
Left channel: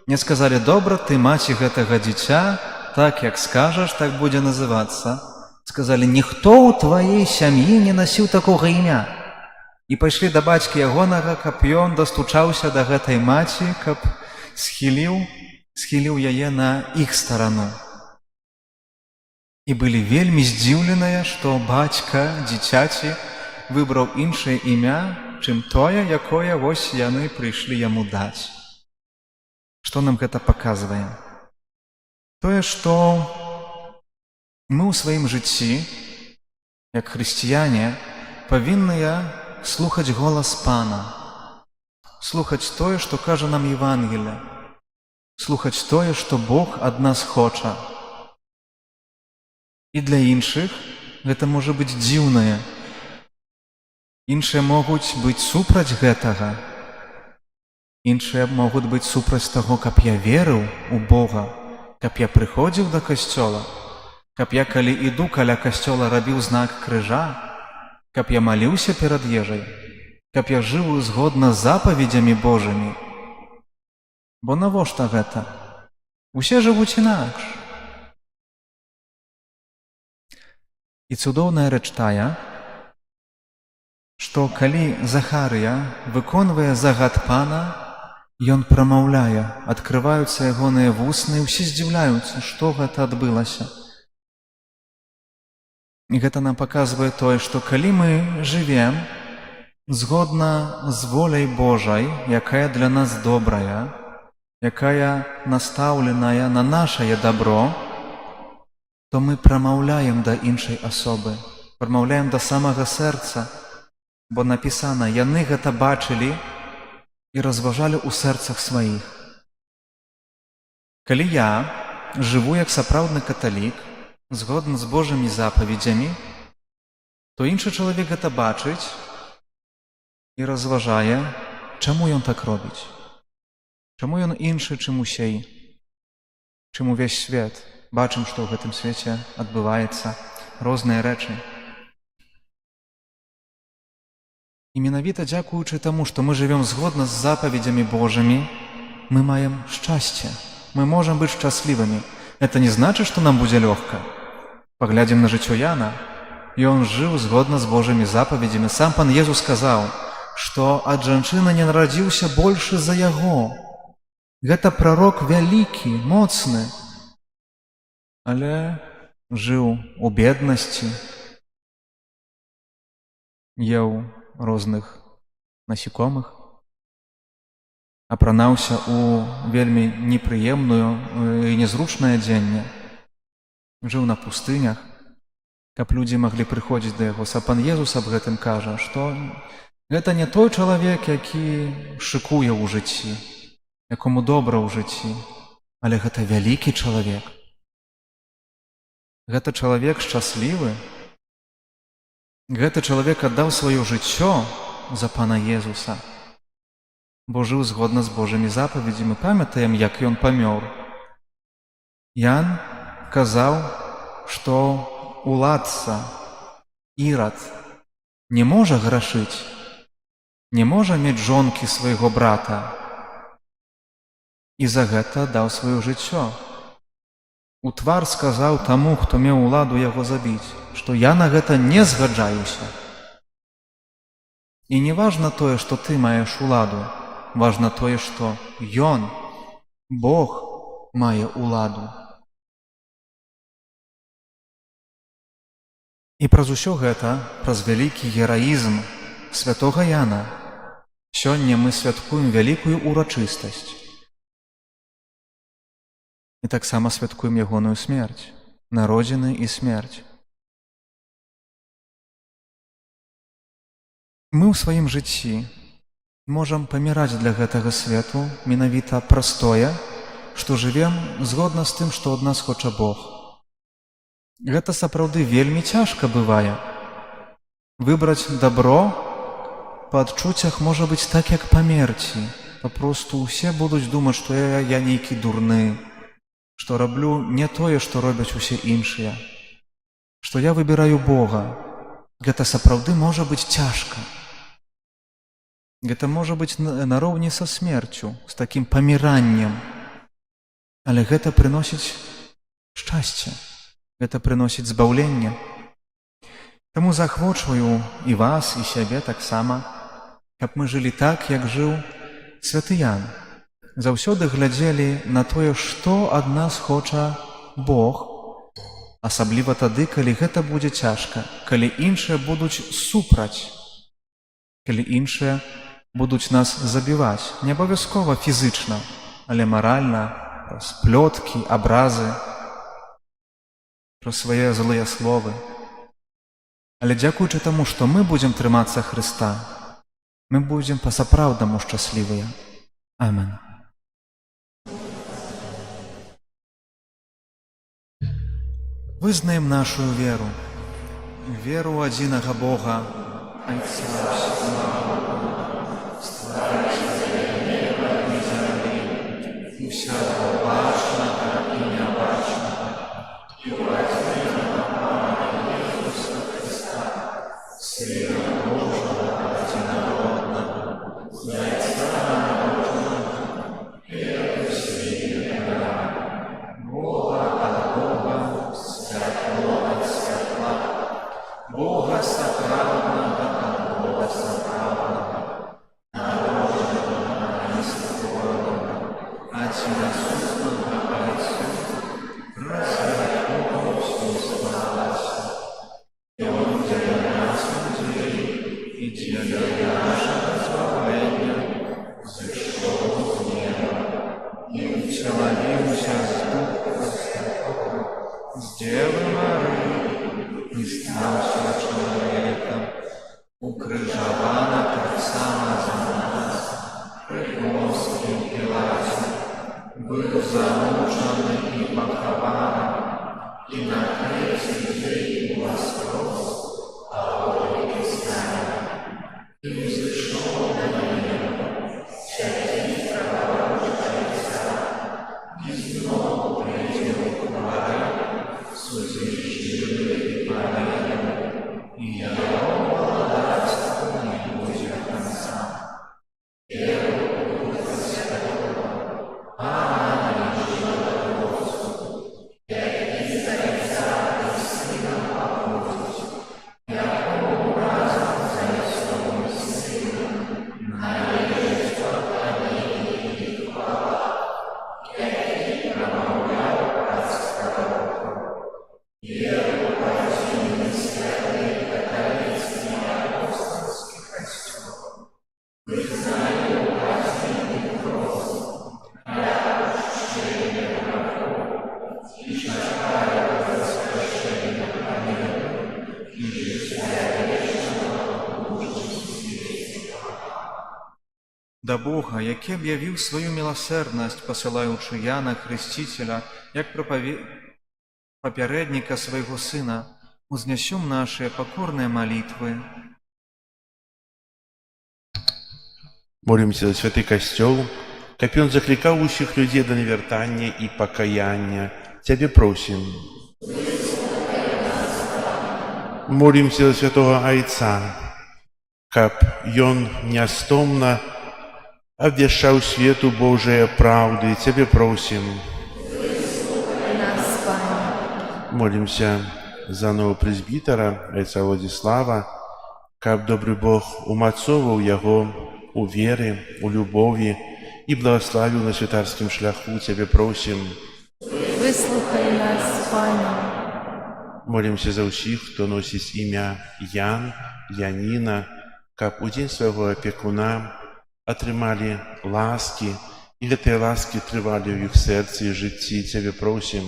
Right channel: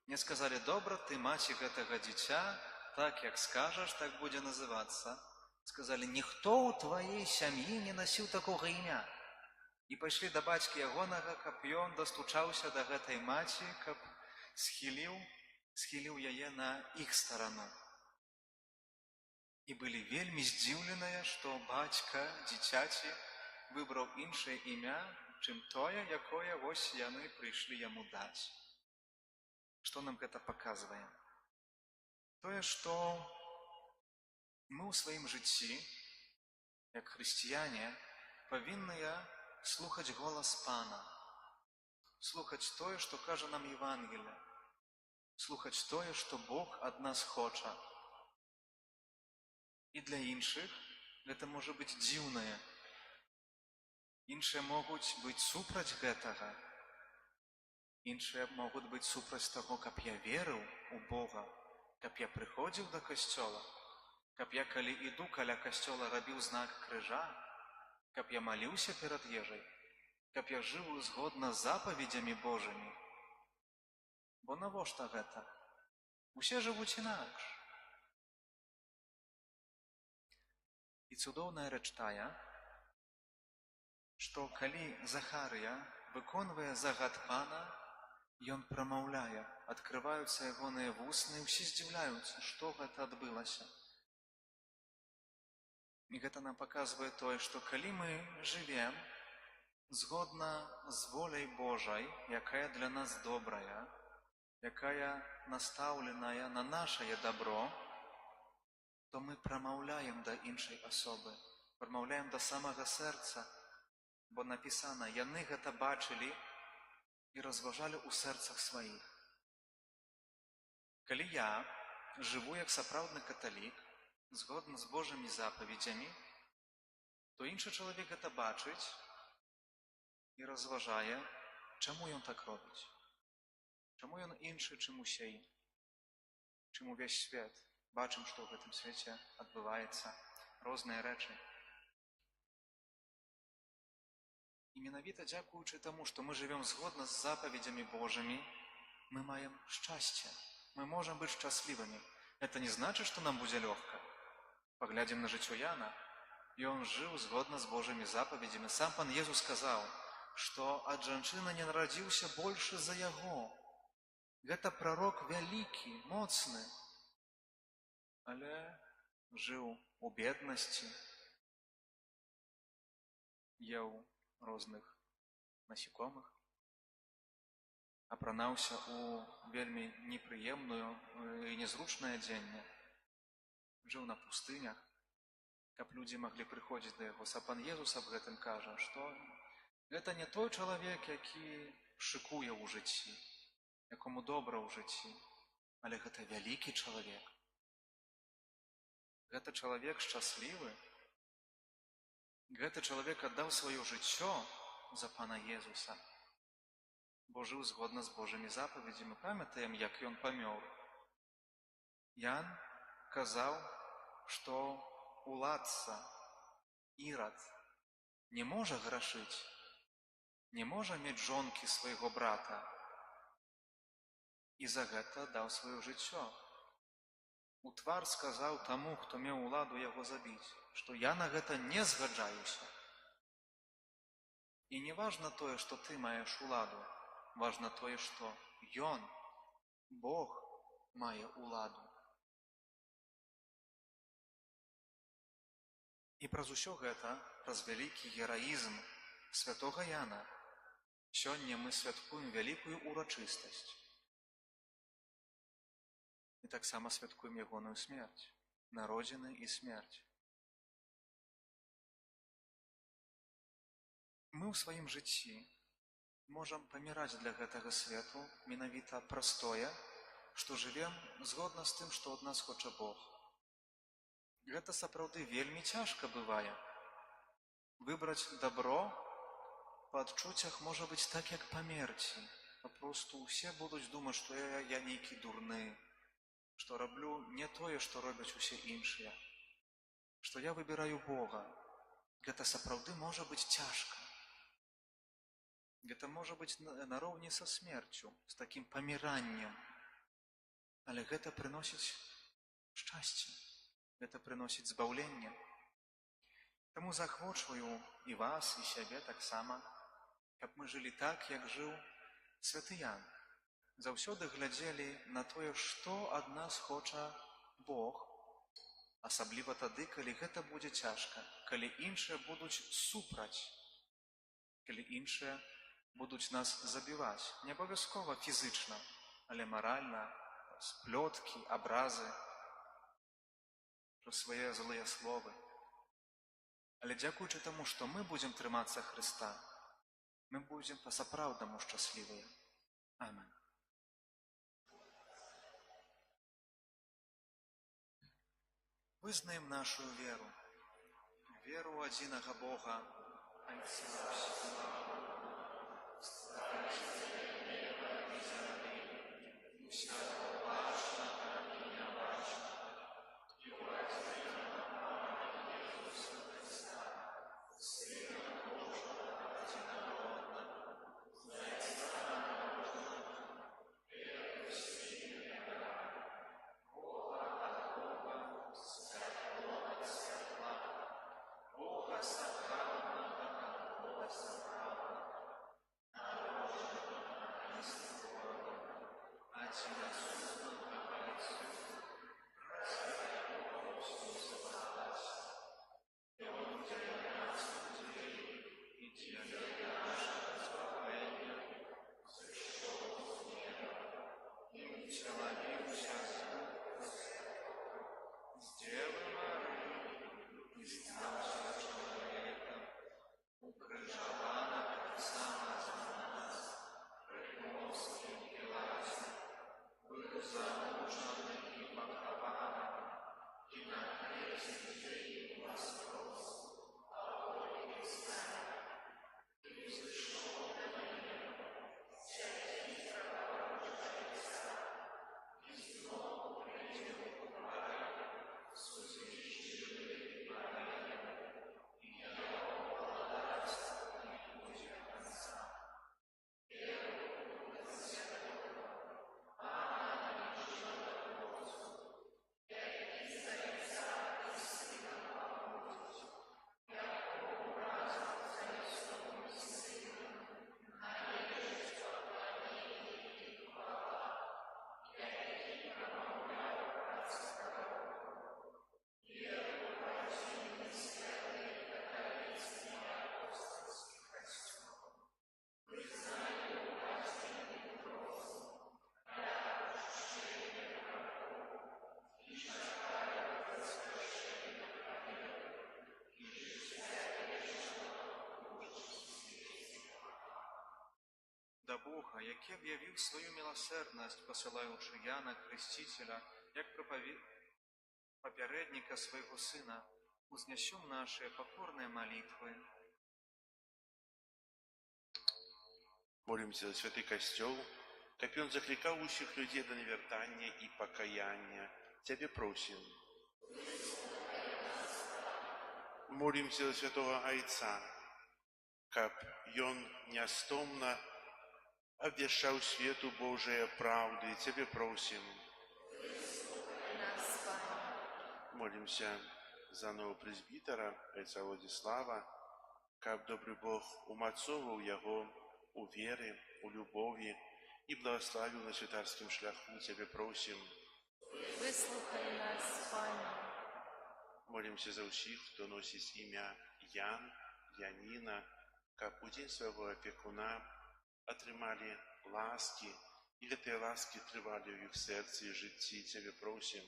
Не сказалі: добра, ты маці гэтага дзіця, так як скажаш, так будзе называцца. Сказалі: ніхто ў тваей сям'і не насіў такога імя. І пайшлі да бацькі ягонага, каб ён дастучаўся да гэтай маці, каб схіліў яе на іх старану. І былі вельмі здзіўленыя, што бацька дзіцяці выбраў іншае імя, чым тое, якое вось яны прыйшлі яму даць. Што нам гэта паказвае? Тое, што мы ў сваім жыцці, як хрысціяне, павінныя слухаць голас Пана, слухаць тое, што кажа нам Евангелле, слухаць тое, што Бог ад нас хоча. І для іншых гэта можа быць дзіўнае. Іншыя могуць быць супраць гэтага. Іншыя могуць быць супраць таго, каб я верыў у Бога, каб я прыходзіў да касцёла, каб я, калі іду каля касцёла, рабіў знак крыжа, каб я маліўся перад ежай, каб я жыў згодна з запаведзямі Божымі. Бо навошта гэта? Усе жывуць інакш. І цудоўная рэч тая, што калі Захарыя выконвае загад Пана, ён прамаўляе, адкрываюцца ягоныя вусны, і ўсе здзіўляюцца, што гэта адбылася. І гэта нам паказвае тое, што калі мы жывем згодна з воляй Божай, якая для нас добрая, якая настаўленая на нашае дабро, то мы прамаўляем да іншай асобы, прамаўляем да самага сэрца, бо напісана: яны гэта бачылі і разважалі ў сэрцах сваіх. Калі я жыву як сапраўдны каталік, згодна з Божымі запаведзямі, то іншы чалавек гэта бачыць і разважае, чаму ён так робіць, чаму ён іншы, чым усей, чым увесь свет. Бачым, што ў гэтым свеце адбываецца розныя рэчы. І менавіта дзякуючы таму, што мы жывём згодна з запаведзямі Божымі, мы маем шчасце, мы можам быць шчаслівымі. Это не значыць, што нам будзе лёгка. Паглядзім на жыццё Яна. Ён жыў згодна з Божымі запаведзямі. Сам Пан Езус сказаў, што ад жанчыны не нарадзіўся большы за яго. Гэта прарок вялікі, моцны, але жыў у беднасці, еў розных насекомых. апранаўся ў вельмі непрыемную і незручнае адзенне, жыў на пустынях, каб людзі маглі прыходзіць да яго. Пан Езус аб гэтым кажа, што гэта не той чалавек, які шыкуе ў жыцці, якому добра ў жыцці, але гэта вялікі чалавек. Гэта чалавек шчаслівы. Гэты чалавек аддаў сваё жыццё за Пана Езуса, бо жыў згодна з Божымі запаведзямі. Мы памятаем, як ён памёр. Ян казаў, што уладца Ірад не можа грашыць, не можа мець жонкі свайго брата, і за гэта даў сваё жыццё. У твар сказаў таму, хто меў уладу яго забіць, што я на гэта не згаджаюся. І не важна тое, што ты маеш уладу, важна тое, што ён, Бог, мае уладу. І праз усё гэта, праз вялікі гераізм святога Яна, сёння мы святкуем вялікую урачыстасць. І таксама святкуем ягоную смерць, народзіны і смерць. Мы ў сваім жыцці можам паміраць для гэтага свету менавіта праз тое, што жывем згодна з тым, што ад нас хоча Бог. Гэта сапраўды вельмі цяжка бывае. Выбраць дабро па адчуццях можа быць так, як памерці. Папросту ўсе будуць думаць, што я нейкі дурны, што раблю не тое, што робяць усе іншыя, што я выбіраю Бога. Гэта сапраўды можа быць цяжка. Гэта можа быць нароўні са смерцю, з такім паміраннем. Але гэта прыносіць шчасце, гэта прыносіць збаўленне. Таму захвочваю і вас, і сябе таксама, каб мы жылі так, як жыў святы Ян. Заўсёды глядзелі на тое, што ад нас хоча Бог, асабліва тады, калі гэта будзе цяжка, калі іншыя будуць супраць, калі іншыя будуць нас забіваць, не абавязкова фізычна, але маральна, праз плёткі, абразы, праз свае злыя словы. Але дзякуючы таму, што мы будзем трымацца Хрыста, мы будзем па-сапраўднаму шчаслівыя. Амен. Вызнаем нашу веру, веру ў адзінага Бога, Айца ўсемагутнага, стварыцеля неба і зямлі, і ўсяго бачнага і нябачнага, і ў адзінага Пана Езуса Хрыста, Сына Божага адзінароднага, з Айца народжанага, перад святым, Бога ад Бога, святло ад святла, Бога сапраўднага ад Бога сапраўднага, Да Бога, які аб'явіў сваю міласэрнасць, пасылаючы Яна Хрысціцеля, як папярэдніка свайго Сына, узнясём нашыя пакорныя малітвы. Молимся за святы касцёл, каб ён заклікаў усіх людзей да навяртання і пакаяння. Цябе просім. Молимся за святого Айца, каб ён нястомна абвяшчаў свету Божыя праўды. Цябе просім. Нас, Пане. Молимся за нового прэзбітара Айца Владзіслава, каб добры Бог умацоўваў яго у веры, у любові і благословіў на святарскім шляху. Цябе просім. Выслухай нас, Пане. Молимся за ўсіх, хто носіць імя Ян, Яніна, каб у дзень свайго апекуна атрымалі ласкі, і гэтыя ласкі трывалі ў іх сэрцы і жыцці. Цябе просім.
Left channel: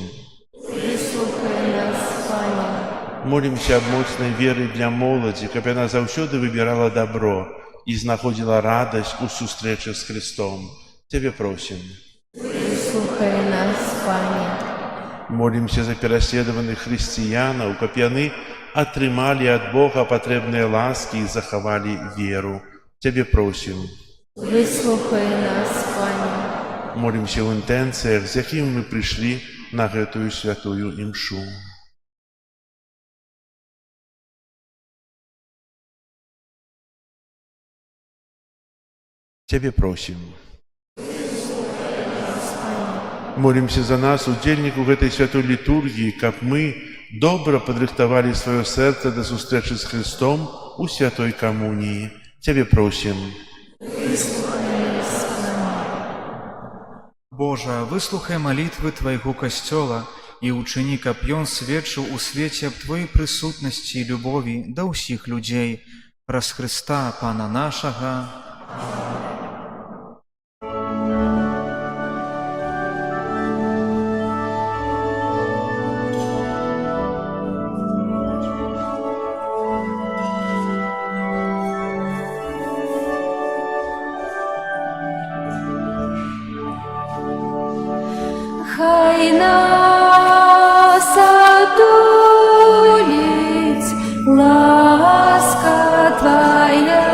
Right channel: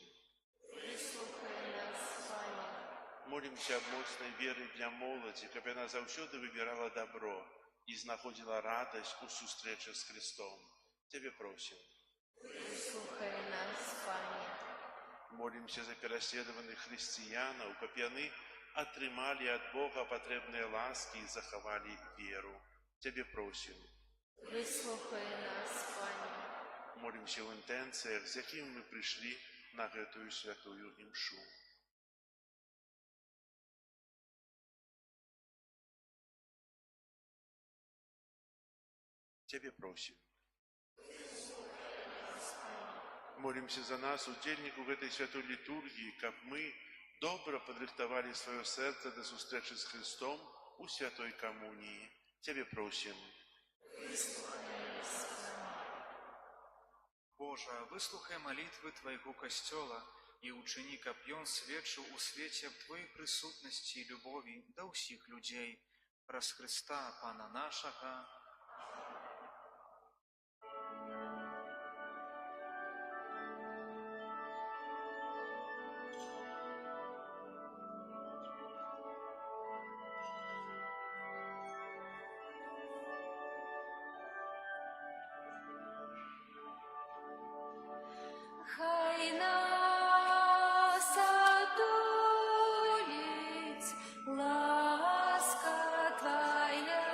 Выслухай нас, Пане. Молимся аб моцнай веры для моладзі, каб яна заўсёды выбірала добро і знаходзіла радасць у сустрэчы з Христом. Цябе просім. Выслухай нас, Пане. Молимся за пераследаваных хрысціянаў, каб яны атрымалі ад Бога патрэбныя ласкі і захавалі веру. Цябе просім. Выслухай нас, Пане. Молимся ў інтэнцыях, з якімі мы прыйшлі на гэтую святую імшу. Цябе просім. Молимся за нас, удзельнікаў гэтай святой літургіі, каб мы добра падрыхтавалі сваё сэрца да сустрэчы з Христом у святой камуніі. Цябе просім. Божа, выслухай малітвы Твайго касцёла і ўчыні, каб ён сведчыў у свеце аб Твоей прысутнасці і любові да ўсіх людзей. Праз Хрыста, Пана нашага. Хай нас отулить ласка Твоя,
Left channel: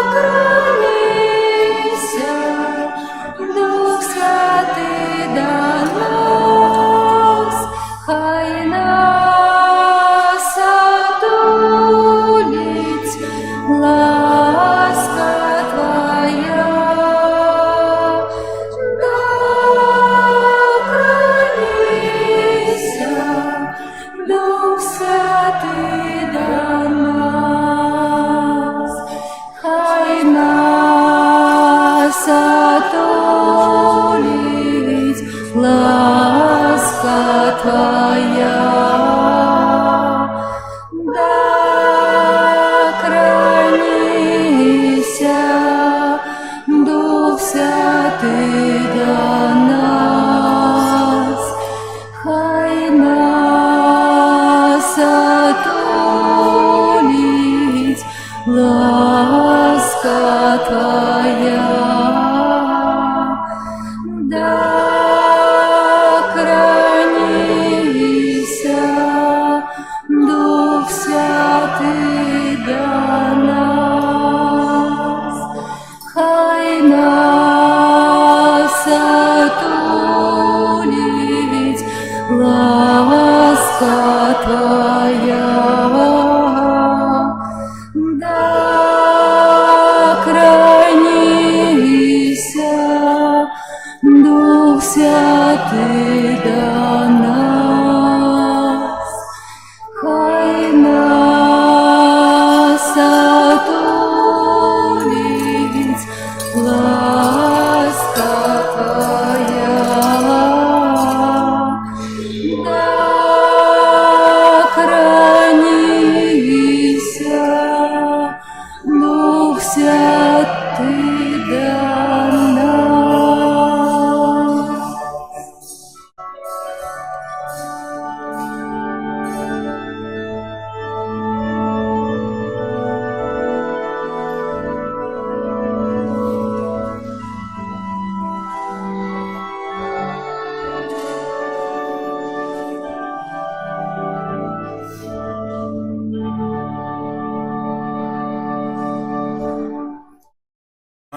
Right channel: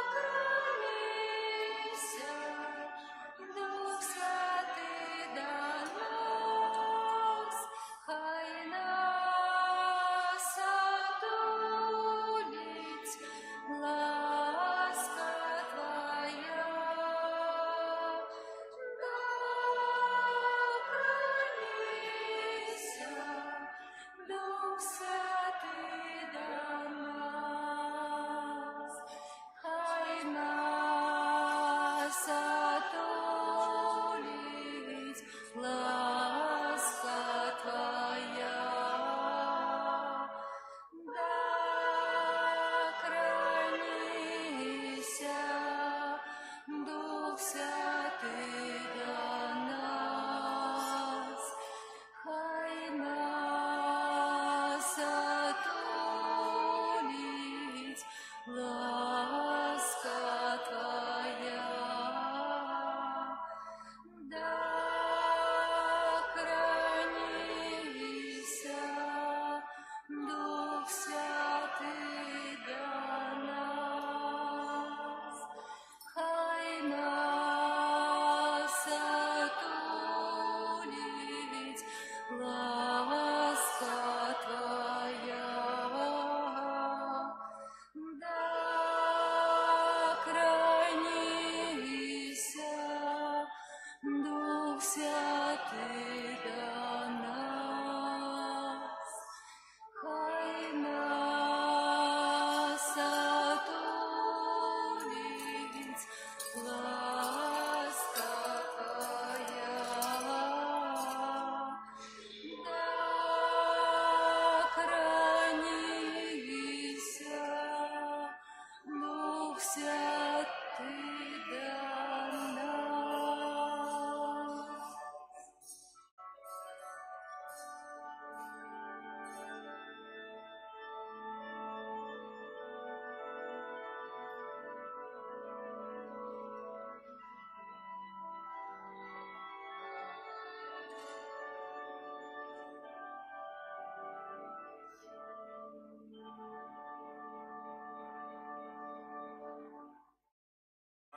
докранися, Дух Святый до нас. Хай нас отулить ласка Твоя, докранися, Дух Святый до нас. Хай нас отулить ласка Твоя, докранися, Дух Святый до нас. Хай нас отулить ласка Твоя, докранися, Дух Святый до нас. Хай нас отулить ласка Твоя, докранися, Дух Святый до нас. Хай нас отулить ласка Твоя, докранися, Дух Святый до нас.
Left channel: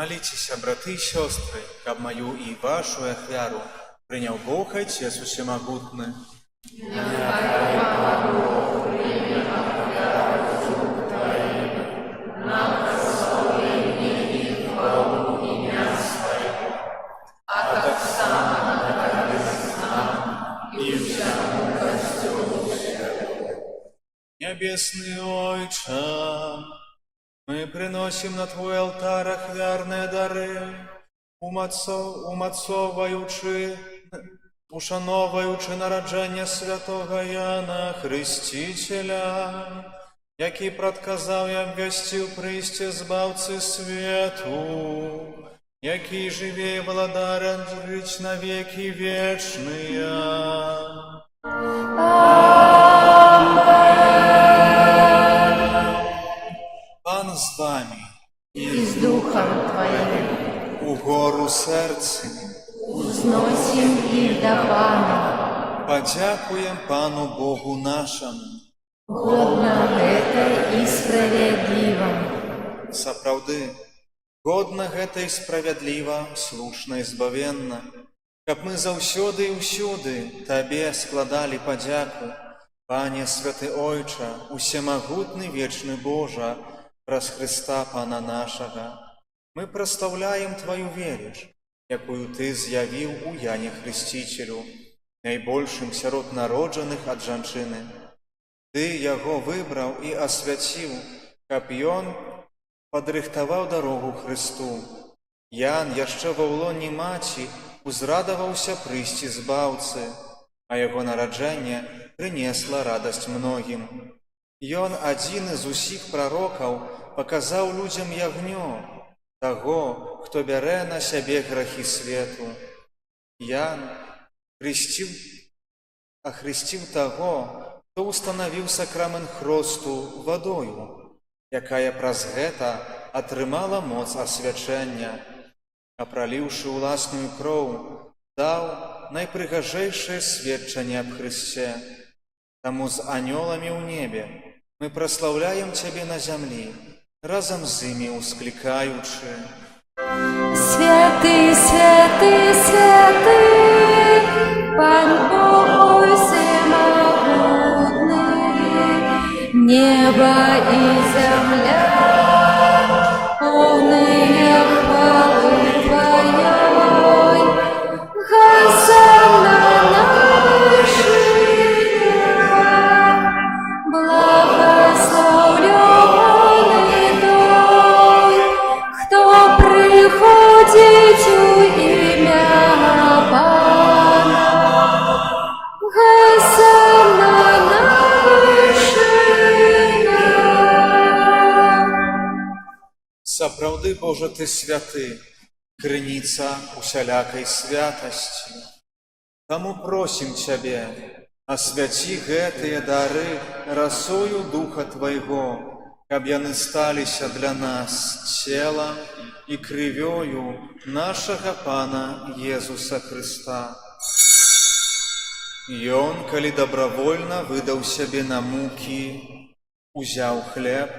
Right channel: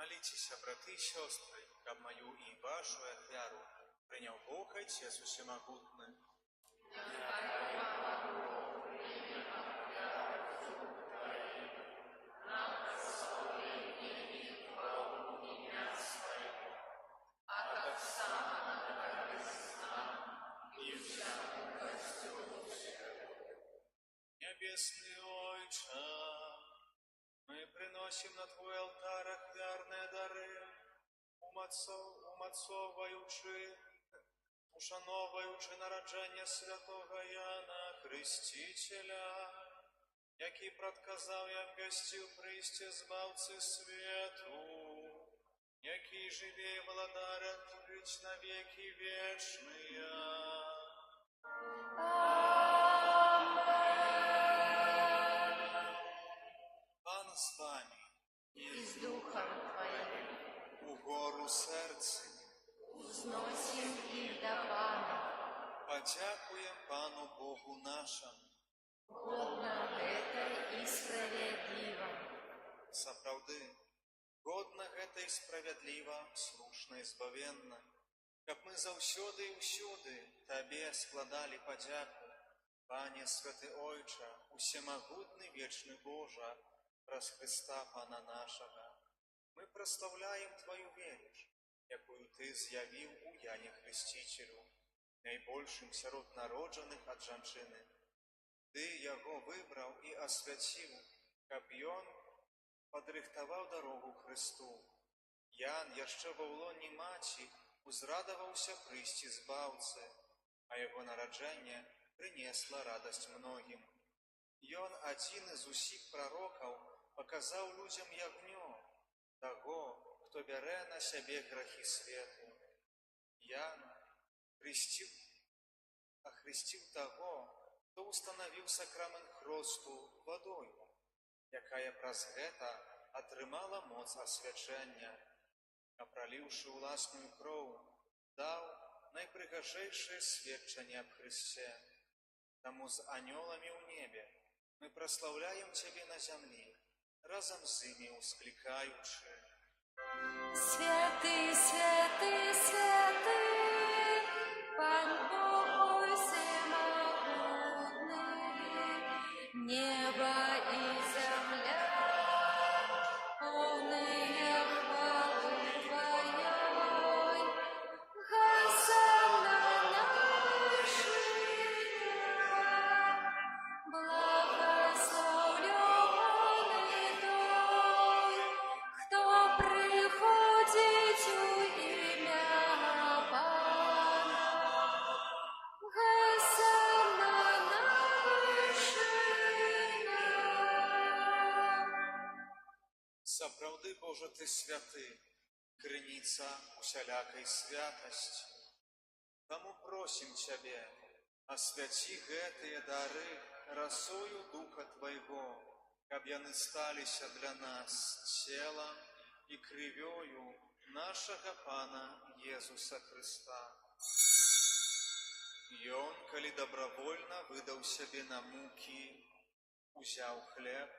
Молитеся, браты и сестры, каб мою и вашу ахвяру принял Бог Отец Всемогутный. Небесный Отче, мы приносим на Твой алтарь ахвярные дары, ушановуючи народження святого Яна Хрестителя, який предказав і обвестив прийсти збавці свету, який живе і владарен жить на веки вечные. Пан з вами, И с Духом Твоим у гору серці. узносим их до Пана. Подякуем Пану Богу нашему. Годно это и справедливо. Сапраўды, годна гэта і справядліва, слушна і збавенна, каб мы заўсёды і ўсюды Табе складалі падзяку, Пане Святы Ойча, усемагутны вечны Божа, праз Христа Пана нашага. Мы праслаўляем Твою веріш, якую Ты з'явіў у Яне Хрестителю, найбольшым сярод народжаных ад жанчыны. Ты яго выбраў і асвяціў, каб ён падрыхтаваў дарогу Христу. Ян яшчэ ва ўлоне маці узрадаваўся прыйсці збаўцы, а яго нараджэнне прынесла радасць многім. Ён адзіны з усіх прарокаў паказаў людзям ягнё, таго, хто бярэ на сябе грахі свету. Ян ахрысціў таго, хто устанавіў сакрамент хросту вадою, якая праз гэта атрымала моц асвячэння, а праліўшы ўласную кроў, даў найпрыгажэйшае сведчанне аб Христе. Таму з анёламі ў небе мы праслаўляем Цябе на зямлі, разам з імі усклікаючы: Святый, святый, святый, Пан Бог всемогутный, небо и земля, полные хвалы Твоей. Хосанна на вершинах, благословленный той, кто приходит у имя Пана. Хосанна на вершинах. Сапраўды, Божа, Ты святы, крыніца усялякай святасці. Таму просім Цябе, асвяці гэтыя дары расою Духа Твайго, каб яны сталіся для нас целам і крывёю нашага Пана Езуса Христа. Ён, калі добравольна выдаў сябе на мукі, узяў хлеб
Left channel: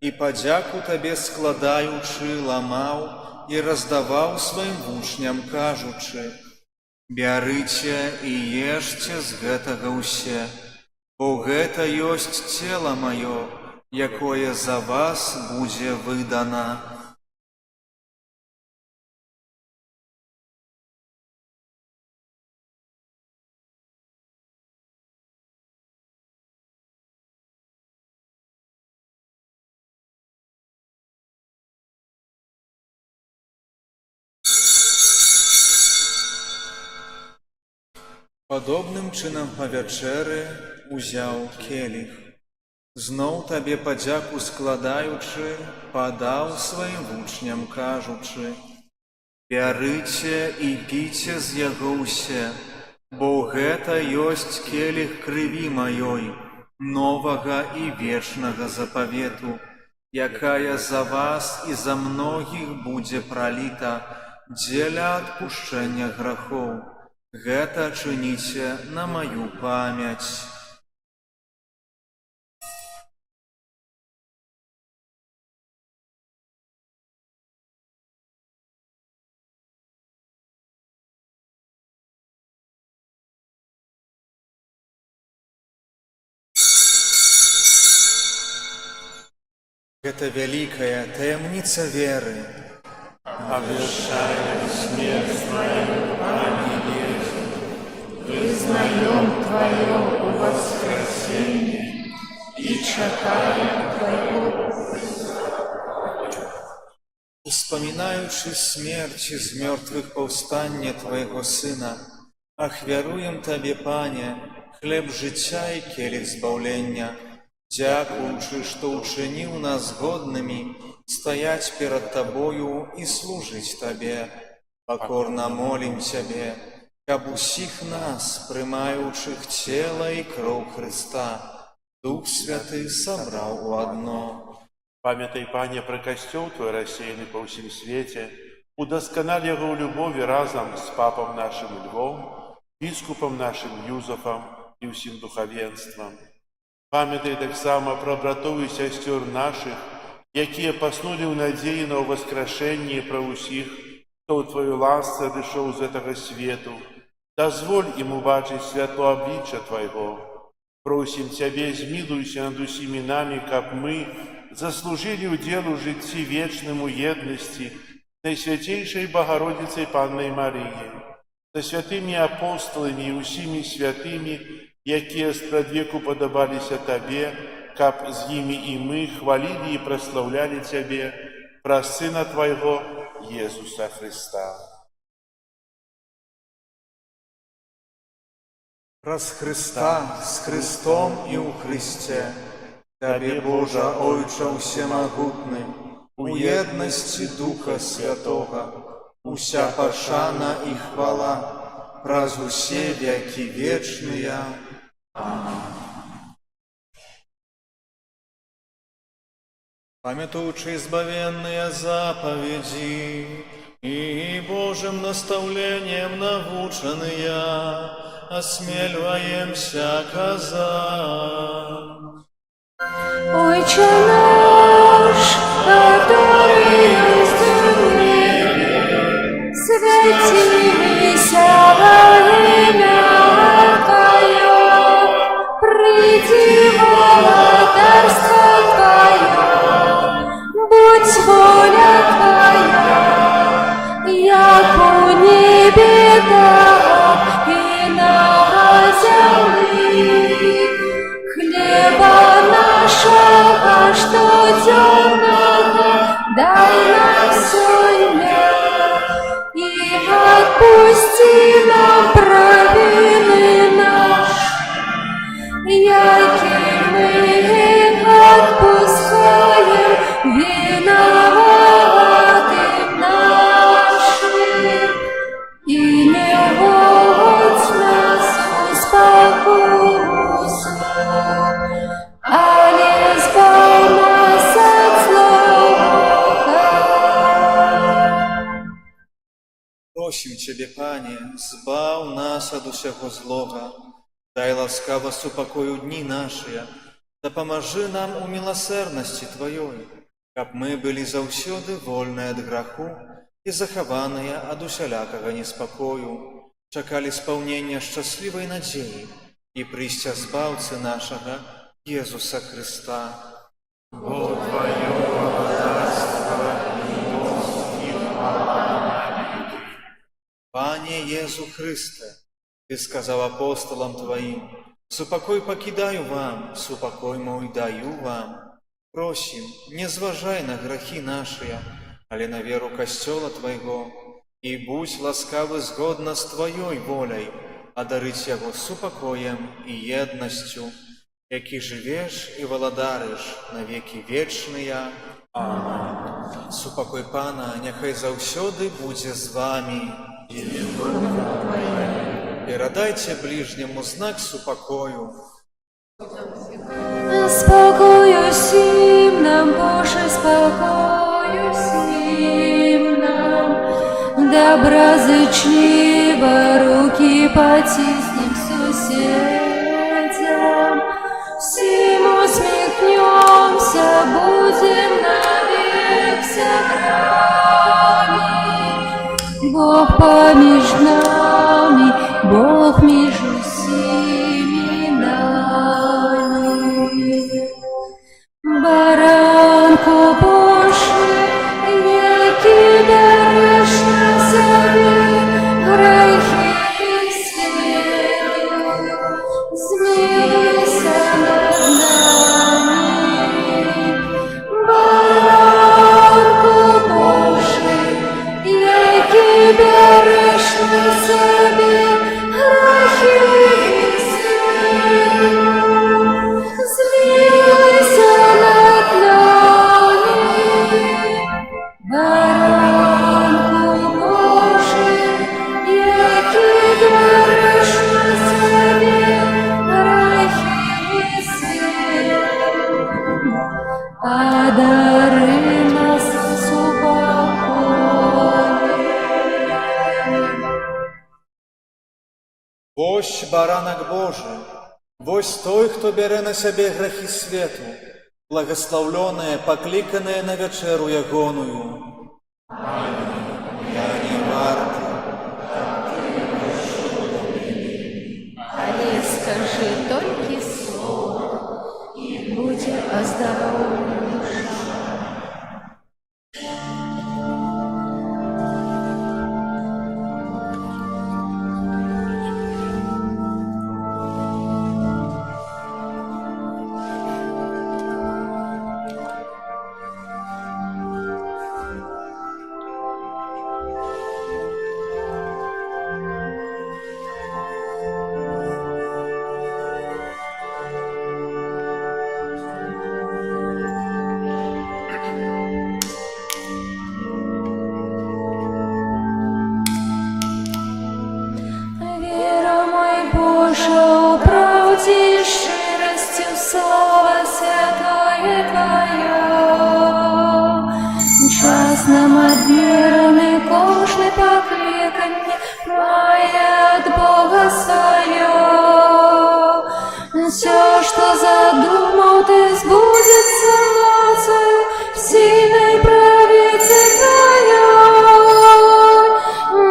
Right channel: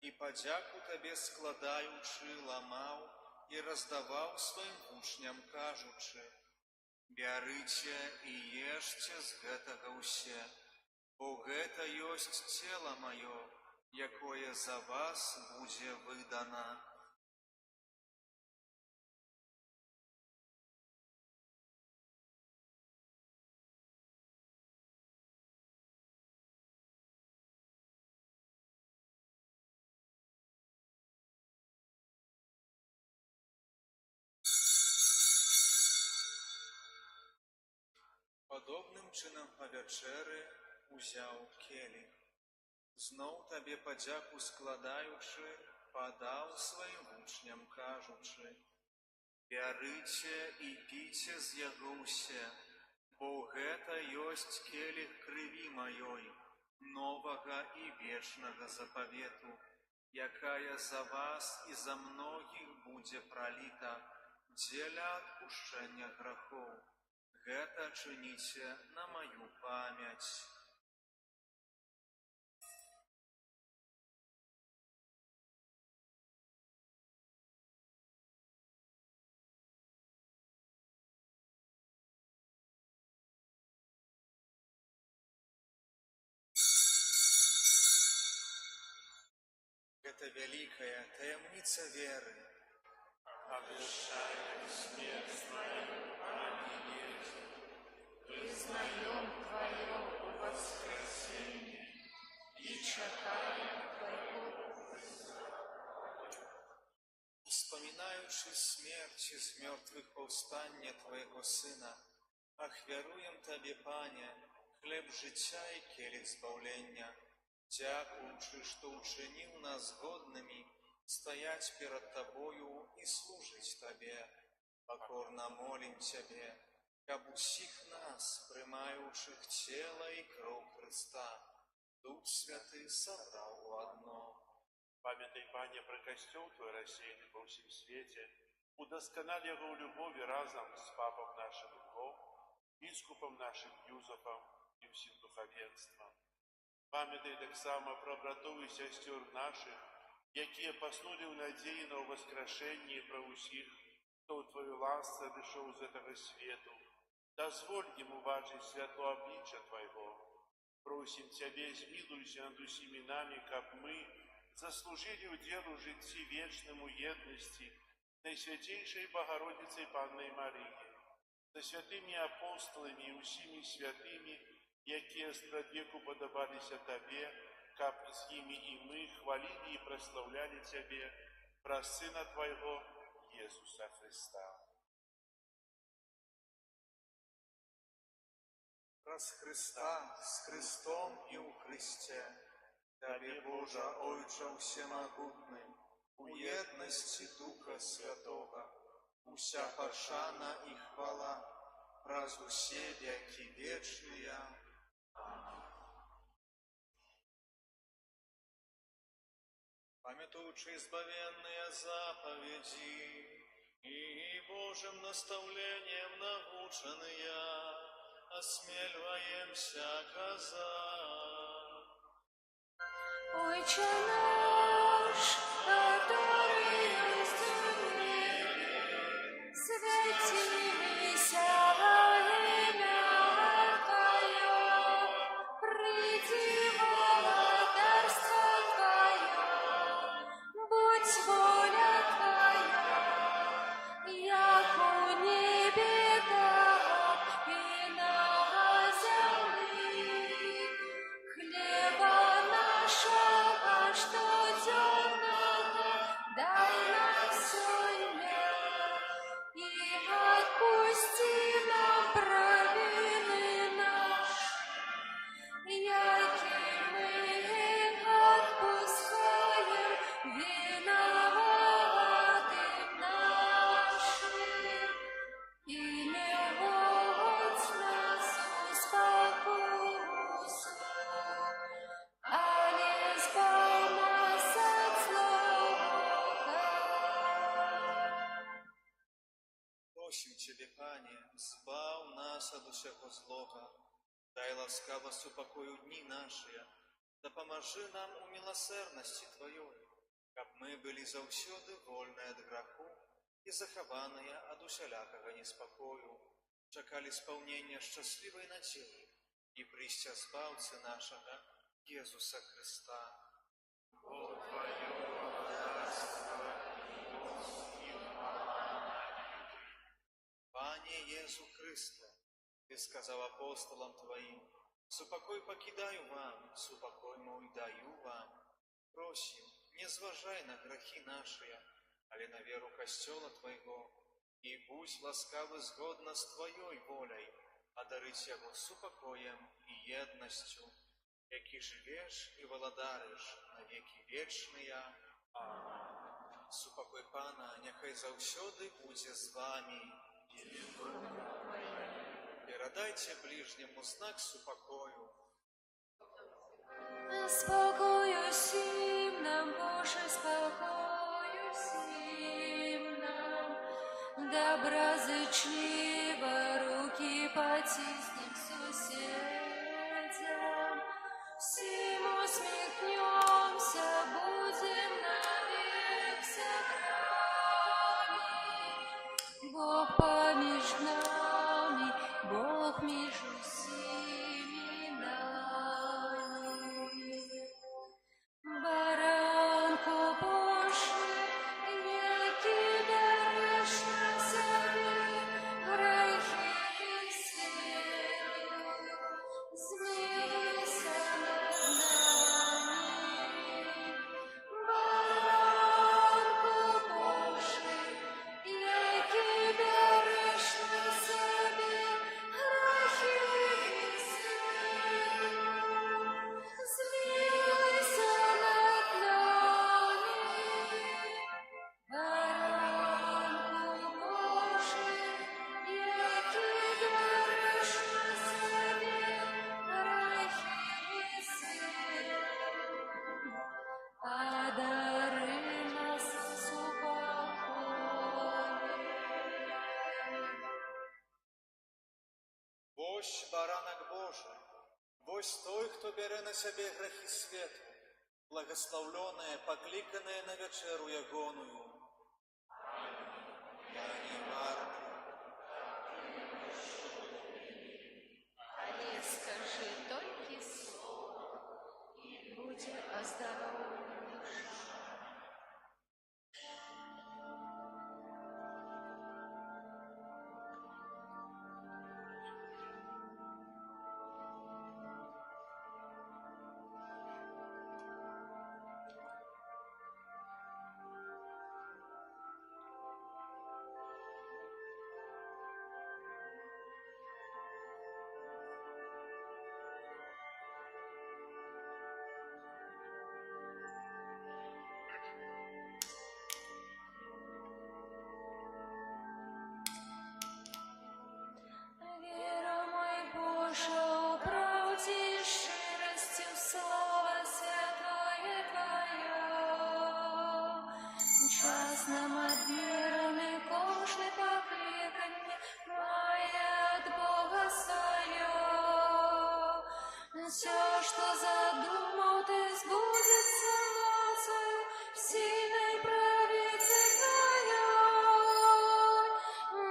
і падзяку Табе складаючы, ламаў і раздаваў сваім вучням, кажучы: «Бярыце і ешце з гэтага ўсе, бо гэта ёсць цела маё, якое за вас будзе выдана». Падобным чынам па вячэры узяў келіх. Зноў Табе падзяку складаючы, падаў сваім вучням, кажучы: «Бярыце і піце з яго ўсе, бо гэта ёсць келіх крыві маёй, новага і вечнага запавету, якая за вас і за многіх будзе праліта дзеля адпушчэння грахоў. Гэта чыніце на маю памяць». Это великая таямница веры. Обещаем смерть Твою, Аминь. Признаем Твое воскресение и чекаем Твоего. Успоминаючи смерть из мертвых повстання Твоего Сына, ахвяруем Табе, Пане, хлеб життя і келих збавлення, дякуючи, що учинив нас годними стоять перед Тобою и служить Табе. Покорно молим Тебе, каб усіх нас, приймаючих тіло і кров Христа, Дух Святый собрал у одно. Памятай, Пане, про костел Твой, рассеянный по всем свете, удоскональ его в любови разом с Папом нашим Львом, Бискупом нашим Юзефом и всем духовенством. Памятай так само про братов и сестер наших, якія поснули в надеи на воскрешение про усіх, хто у Твою ласце дышаў з этого свету. Дозволь им убачить святло обличия Твоего. Просим Тебе, змилуйся над усіми нами, каб мы заслужили уделу житті вечному єдності Найсвятейшей Богородицей Панной Марии, со святыми апостолами и усіми святыми, якія спрадвеку подобалися Тебе, каб з ними и мы хвалили и прославляли Тебе, про Сына Твоего, Иисуса Христа. Раз Христа с Христом и у Христе, Тебе, Боже, Ойче всемогутный, у єдності Духа Святого, уся пошана и хвала, праз усе веки вечные. Памятуючи избавенные заповеди и Божьим наставлением наученные, осмеливаемся казать. Отче наш, который есть в небе, святися имя Твое, приди владарство Твое, будь воля Твоя, як у небе, так и на земле. Хлеба нашего штоденного дай нам сегодня, и отпусти нам провины наши, яки мы отпускаем виноватым нашим, и не вводь нас в искушение, але избавь нас от злого. Просим Тебе, Пане, збав нас от усього злога, дай ласкаво супокою дни наши, да поможи нам у милосердности Твоей, каб мы были заўсёды вольны от граху и захаваныя от усялякага неспокою, чакали исполнения счастливой надеи и прийстя Збаўцы нашага, Иисуса Христа. Бо Твое владарство и мощь и хвала. Пане Иису Христе, Ты сказал апостолам Твоим, «Супокой покидаю вам, супокой мой даю вам». Просим, не зважай на грехи наши, але на веру Костела Твоего, и будь ласкавы згодно с Твоей волей, одарить его супокоем и едностью, які живеш і владариш на веки вечные. Аминь. Супокой Пана, нехай заўсёды будзе з вами. Передайте ближнему знак супокою. Спокою всім нам, Боже, спокою всім нам, доброзичливо руки потиснем соседям, всем усмехнемся, будем навек сограми. Бог помеж нами, Бог между всеми нами. Баранку баранак Божий, вось той, хто бярэ на сябе грахі свету, благословленные, покликанные на вечеру ягоную. Я не варты. Але скажи толькі слово, і будзе аздароўлена душа. Вера мой Боже, у правді й щирості, слава святое Твоє. Час нам адмірений, кожне покликання має от Бога своє. Все, что задумал ты, сбудется нацию в сильной правице Твоей.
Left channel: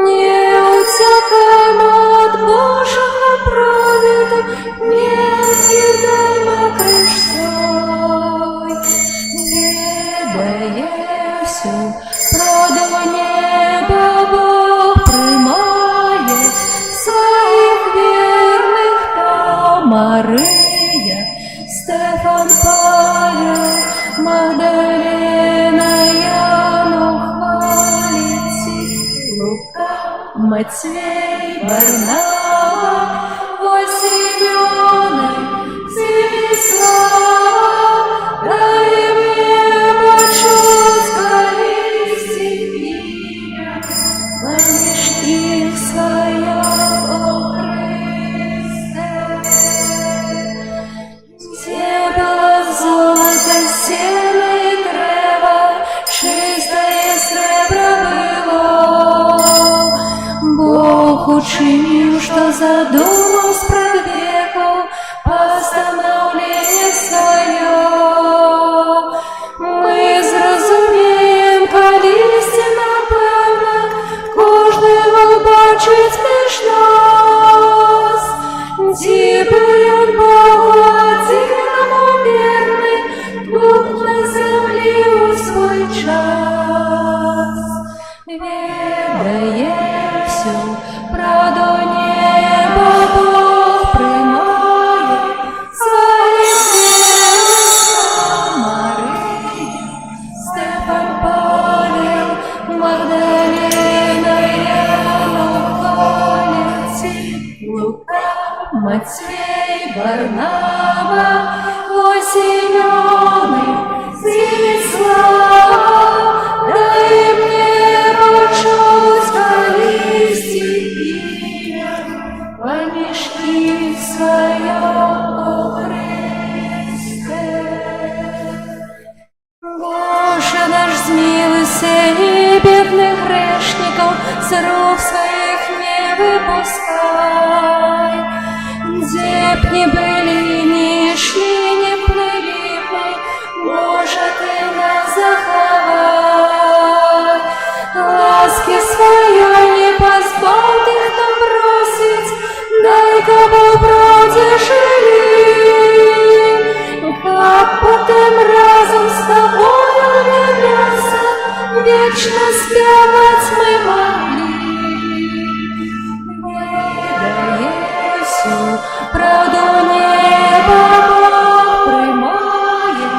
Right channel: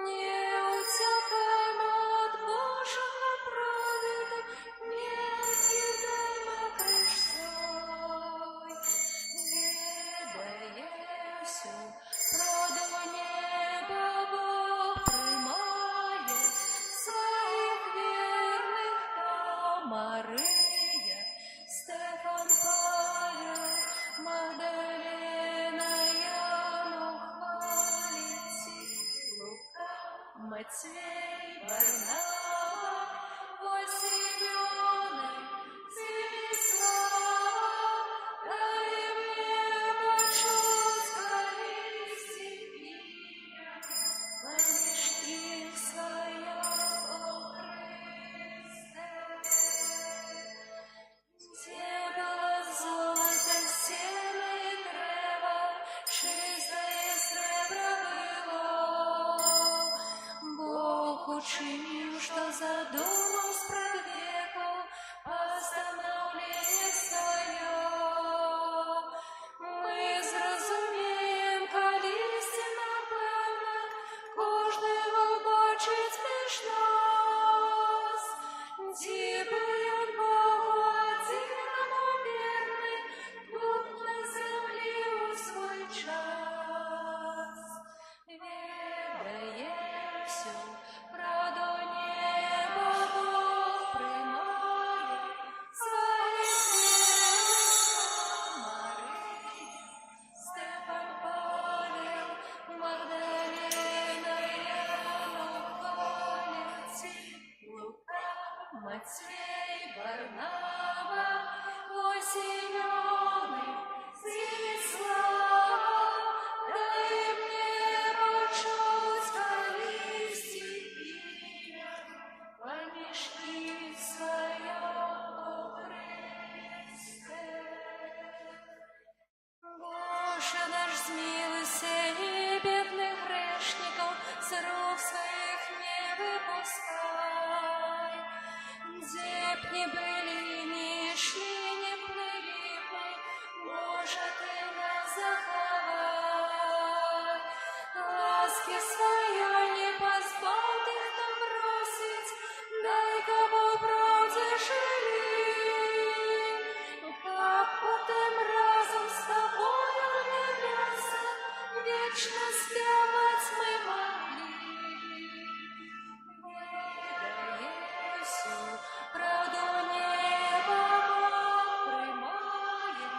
Не утекаем от Божьего праведо, не съедаем крыш свой. Ведая всю правду неба, Бог примає своих верных там. Мария, Стефан, Павел, Магдалена, Яну хвалите, Лука, Матвей, Варнава, Симеоной, Станислава, дай мне почуть колести имя, помнишь их своя, о Христе. Тебя золото, сено и древо, чистое сребро было. Бог учинил, что задумал спред веков, постановление свое. Мы зразумеем, коли истина певна, кожного бачить між нас. Дібують Богу одиному вірний, тут на землі у свой час. Ведає всю правду неба, Бог примає своїх вірних. Марія, Стефан, Павел, Магдалена, Яна хвалите, Лука, Матвей, Варнава, Симеоны, Станислава, дай мне почуть колести имя, помнишь их свое, о Христе. Боже наш, змилуйся, и бедных грешников с рук своих не выпускай. Где б ни были, ни шли, не плыли мы, Боже, Ты нас заховай. Ласки своей не позбавь их нам бросить, дай кого вроде жили. Как потом разом с Тобою вернется, вечно спевать мы могли. Ведая всю правду неба, Бог примає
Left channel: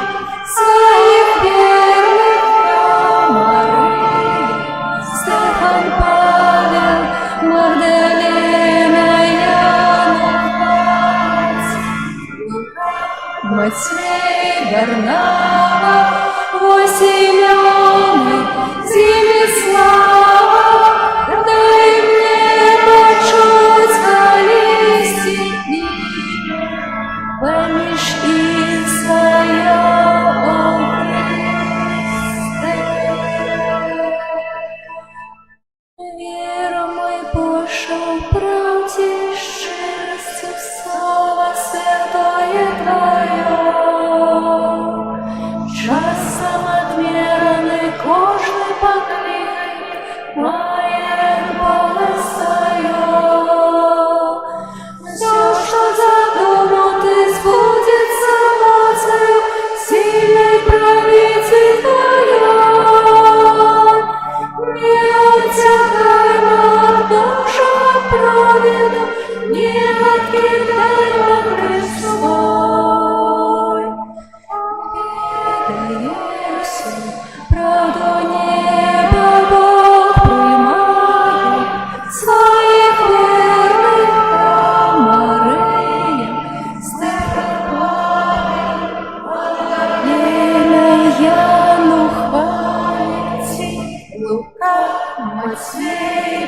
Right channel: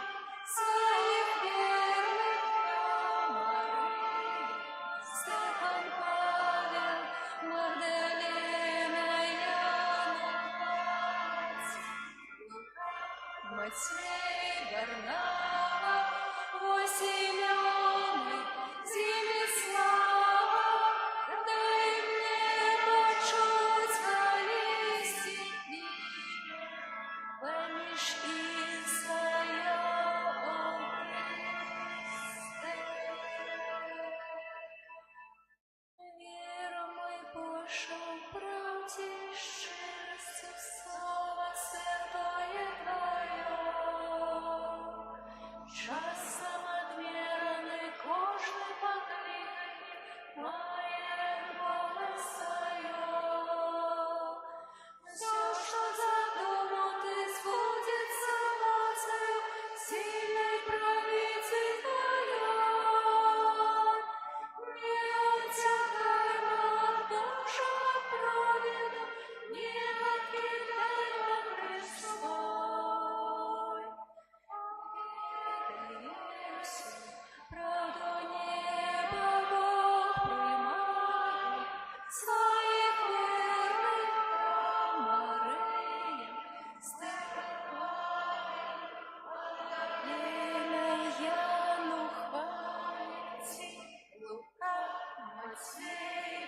своїх вірних нам. Марія, Стефан, Павел, Магдалена, Яна хвалите, Лука, Матвей, Варнава,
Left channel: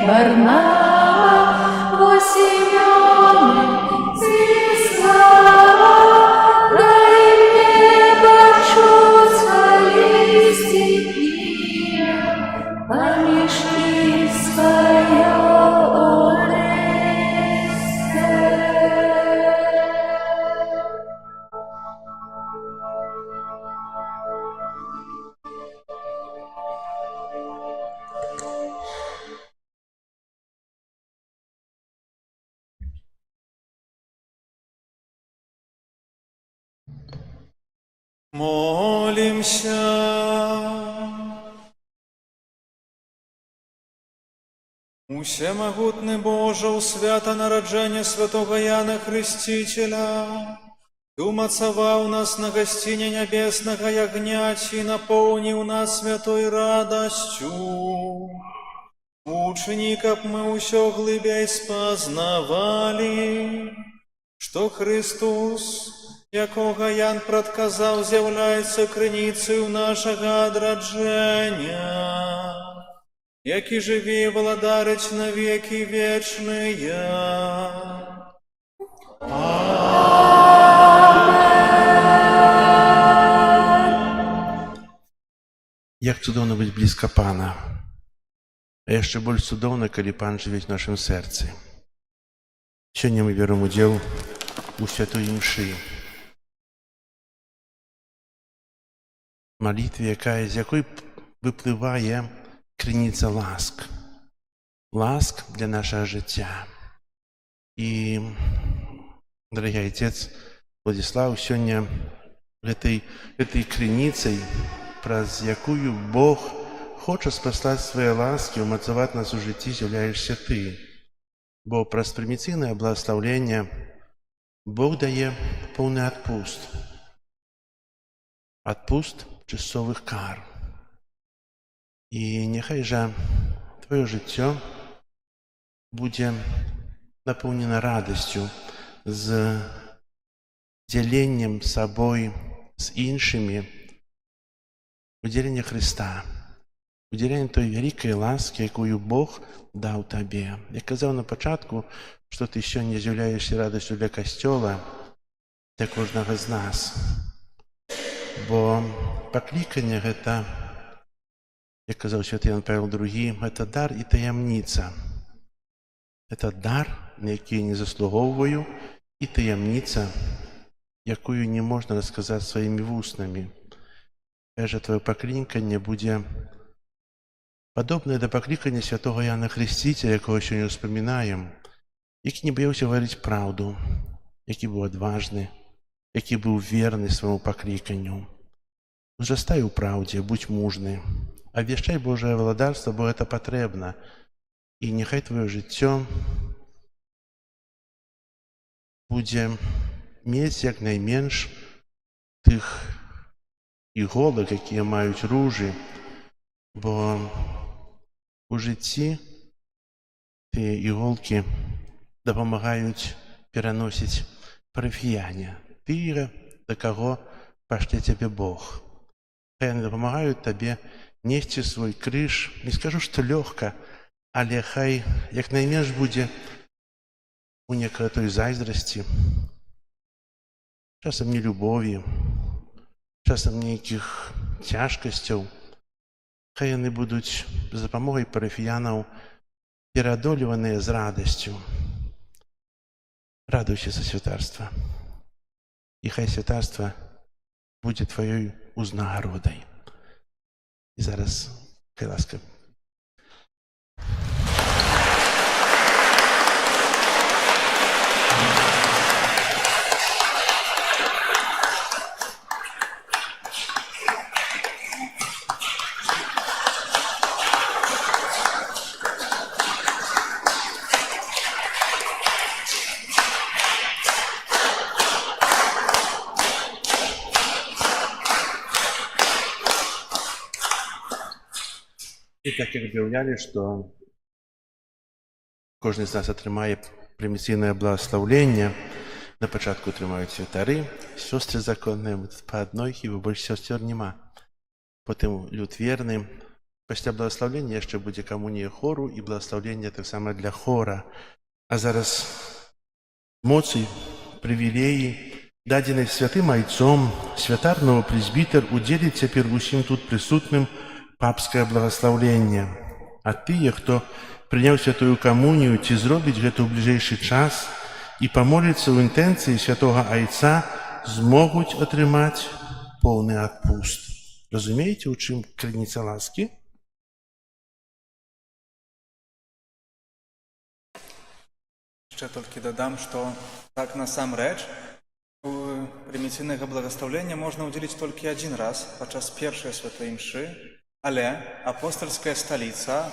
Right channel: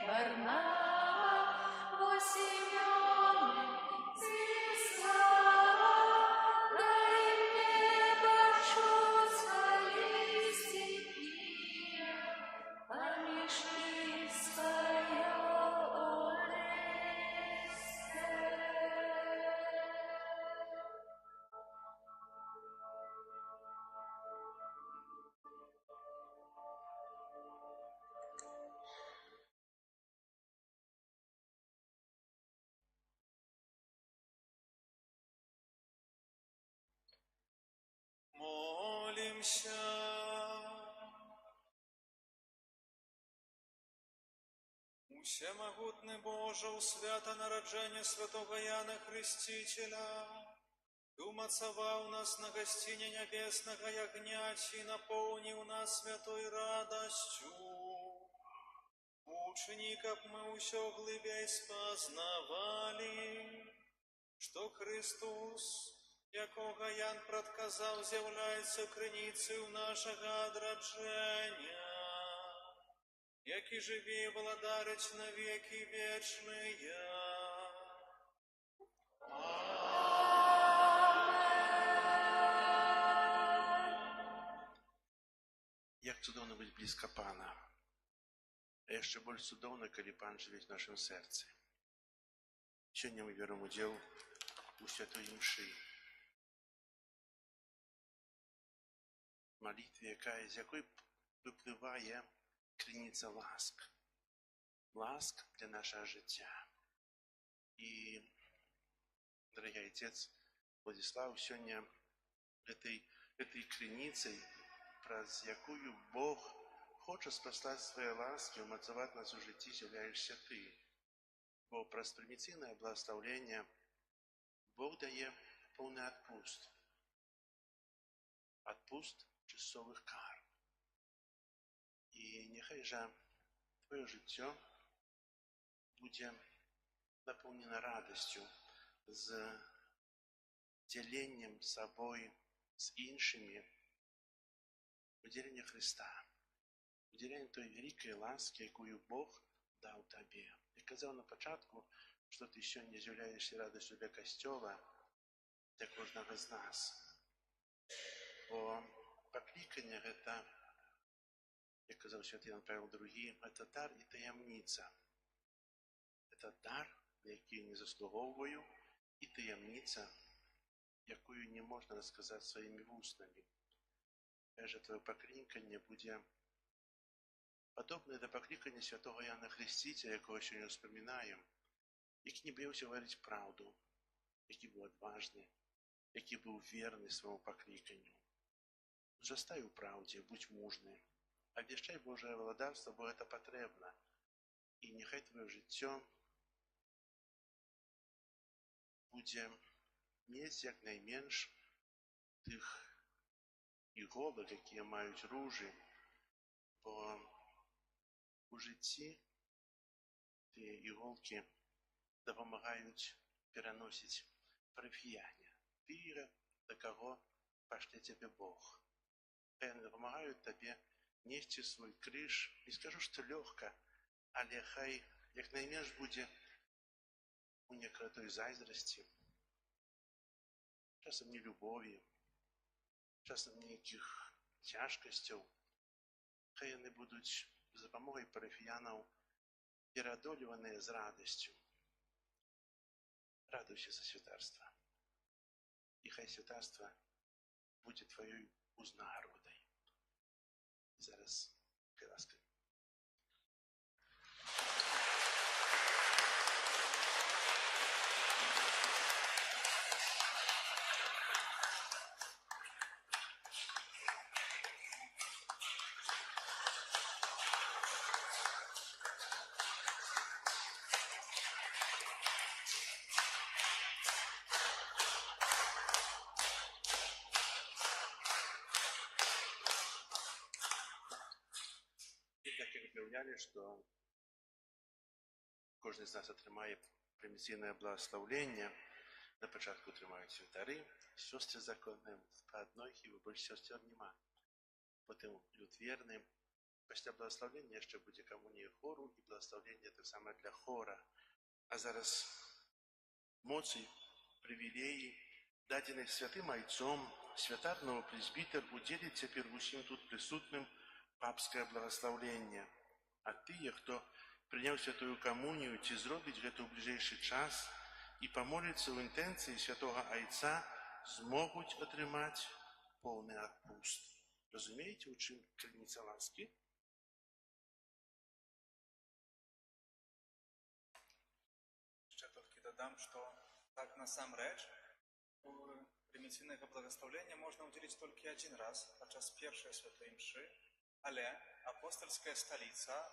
Варнава, Восемёны, Ці слава, дай мне почувствовать стихия, помешки свое Оресте. Молимся. Усемагутны Боже, у свята нараджэння святого Яна Хрысціцеля, Ты умацаваў нас на гасціне нябеснага ягняці і напоўніў нас святой радасцю. Учыні, каб мы ўсё глыбей спазнавалі, што Христос, якога Ян прадказаў, з'яўляецца крыніцаю нашага адраджэння, які жыве і валадарыць на векі вечныя. Як цудоўна быць блізка Пана, а яшчэ больш цудоўна, калі Пан жыве ў нашым сэрцы. Сёння мы бяром удзел у святой імшы, малітве, з якой выплывае крыніца ласк. Ласк для нашага жыцця. І, дарагі айцец Владзіслаў, сёння гэтай крыніцай, праз якую Бог хоча спаслаць свае ласкі, умацаваць нас у жыцці, з'яўляешся ты. Бо праз прыміцыйнае благаслаўленне Бог дае поўны адпуст. Адпуст часовых кар. І няхай жа твоё жыццё будзе напоўнена радасцю з дзяленнем сабой з іншымі, удзеленне Хрыста, удзеленне той вялікай ласкі, якую Бог даў табе. Я казаў на пачатку, што ты сёння з'яўляешся радасцю для Касцёла, для кожнага з нас. Бо пакліканне гэта, як казаў святы Ян Павел II, гэта дар і таямніца. Гэта дар, на які я не заслугоўваю, і таямніца, якую не можна расказаць сваімі вуснамі. Кажа, твоё пакліканне будзе падобнае да паклікання святого Яна Хрысціцеля, якога сёння ўспамінаем, які не баяўся гаварыць праўду, які быў адважны, які быў верны свайму пакліканню. Узрастай у праўдзе, будзь мужны, абвяшчай Божае валадарства, бо гэта патрэбна. І няхай твоё жыццё будзе мець як найменш тых іголак, якія маюць ружы, бо у жыцці тыя іголкі дапамагаюць пераносіць парафіяне, тыя, да каго пашле цябе Бог. Хай яны дапамагаюць табе несці свой крыж, не скажу, што лёгка, але хай як найменш будзе у некай той зайздрасці, часам нелюбові, часам нейкіх цяжкасцяў. Хай яны будуць з дапамогай парафіянаў пераадолеваныя з радасцю. Радуйся за святарства. І хай святарства будзе тваёй узнагародай. І зараз, хай ласка, і так як аб'яўлялі, што кожны з нас атрымае прыміцыйнае благаслаўленне. На пачатку атрымаюць святары, сёстры законныя, мы тут па адной, хіба больш сёсцёр няма. Потым люд верны, Пасля благословення яшчэ будзе камунія хору і благословення таксама для хора. А зараз моцы, прывілеі, дадзенай святым айцом, святар новапрэзбітар удзеліць цяпер усім тут прысутным папскае благословленне. А тыя, хто прыняў святую камунію, ці зробіць гэта ў бліжэйшы час і памоліцца ў інтэнцыі святога айца, змогуць атрымаць поўны адпуст. Разумееце, у чым крыніца ласкі? Яшчэ толькі дадам, што так насамрэч у прыміцыйнага благаслаўлення можна ўдзеліць толькі адзін раз падчас першай святой імшы, але апостальская сталіца,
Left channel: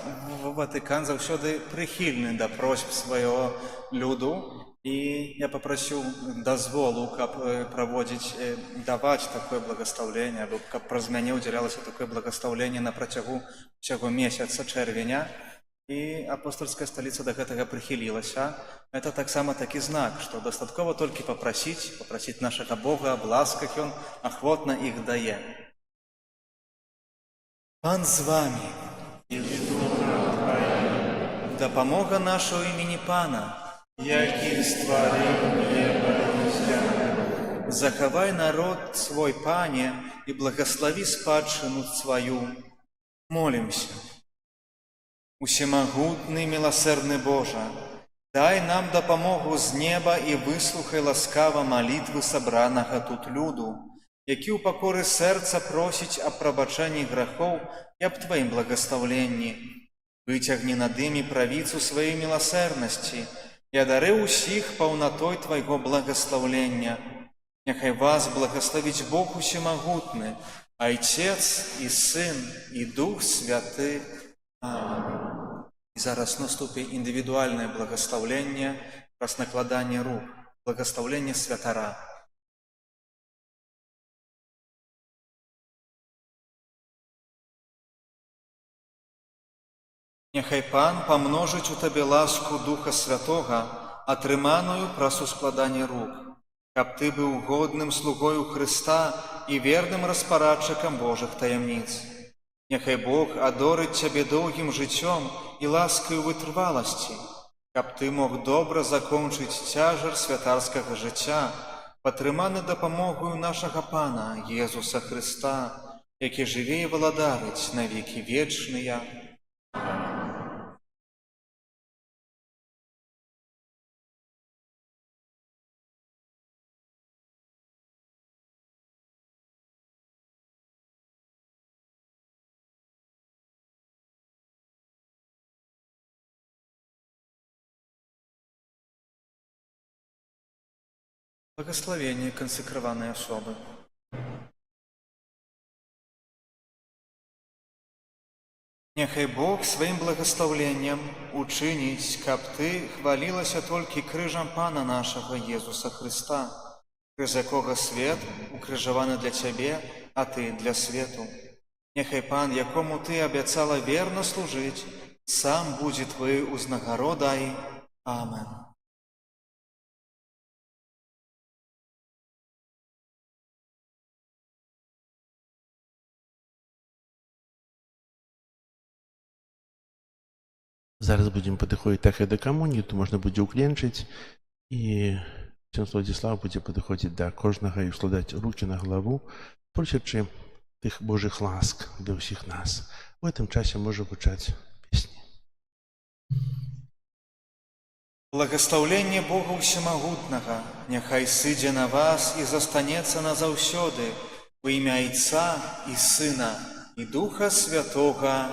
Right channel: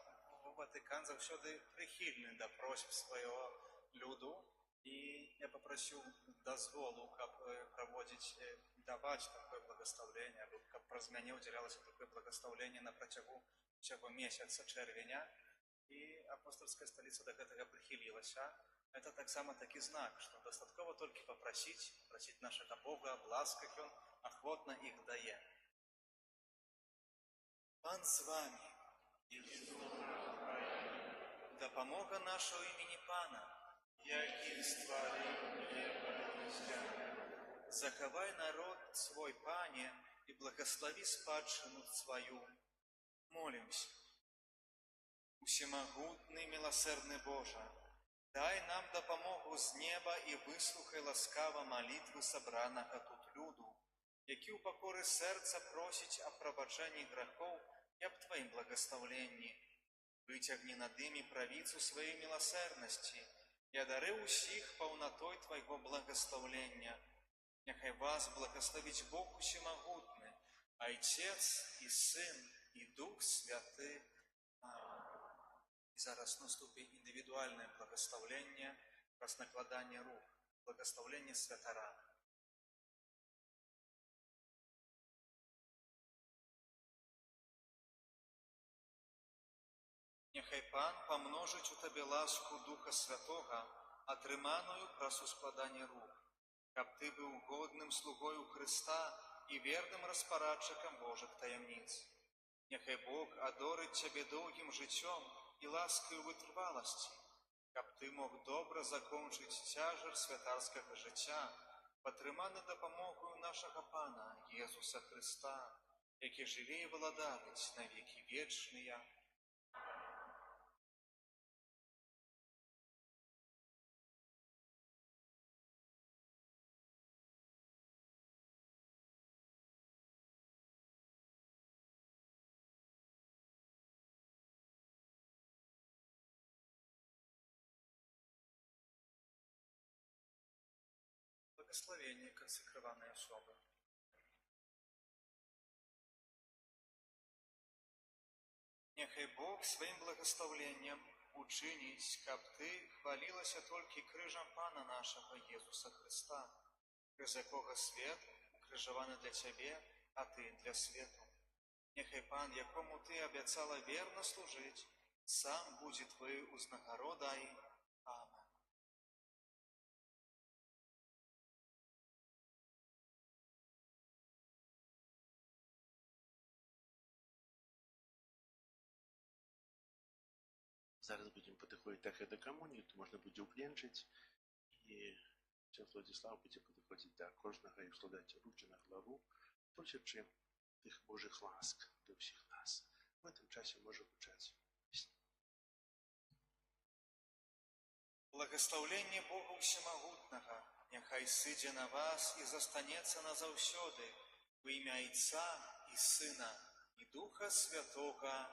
Ватыкан заўсёды прыхільны да просьб свайго люду, і я папрасіў дазволу, каб даваць такое благаслаўленне, або каб праз мяне ўдзялялася такое благаслаўленне на працягу ўсяго месяца чэрвеня. І апостольская сталіца да гэтага прыхілілася. Это таксама такі знак, што дастаткова толькі папрасіць нашага Бога аб ласках, Ён ахвотна іх дае. Пан з вамі. Дапамога наша ў імені Пана, які стварыў неба і зямлю. Захавай народ свой, Пане, і благаславі спадчыну сваю. Молімся. Усемагутны, міласэрны Божа, дай нам дапамогу з неба і выслухай ласкава малітвы сабранага тут люду, які ў пакоры сэрца просіць аб прабачэнні грахоў і аб Тваім благаслаўленні. Выцягні над імі правіцу сваёй міласэрнасці і адары ўсіх паўнатой Твайго благаслаўлення. Няхай вас благаславіць Бог усемагутны, Айцец і Сын і Дух Святы. Амінь. І зараз наступіць індывідуальнае благаслаўленне праз накладанне рук, благаслаўленне святара. Няхай Пан памножыць у табе ласку Духа Святога, атрыманую праз ускладанне рук, каб ты быў годным слугою Хрыста і верным распарадчыкам Божых таямніц. Няхай Бог адорыць цябе доўгім жыццём і ласкаю вытрываласці, каб ты мог добра закончыць цяжар святарскага жыцця, падтрыманы дапамогою нашага Пана Езуса Хрыста, які жыве і валадарыць на векі вечныя. Благословение консекрованной особы. Няхай Бог сваім благословленнем учыніць, каб ты хвалілася толькі крыжам Пана нашага Езуса Христа, крыз якога свет укрыжаваны для цябе, а ты для свету. Няхай Пан, якому ты абяцала верна служыць, сам будзе твоей узнагародай. Амен. Зараз будзем падыходзіць так і да камуніі, то можна будзе ўкленчыць, і ксёндз Владзіслаў будзе падыходзіць да кожнага і ўскладаць рукі на галаву, просячы тых Божых ласк для ўсіх нас. У гэтым часе можа гучаць песні. Благословленне Бога Усемагутнага няхай сыдзе на вас і застанецца назаўсёды у імя Айца і Сына і Духа Святога.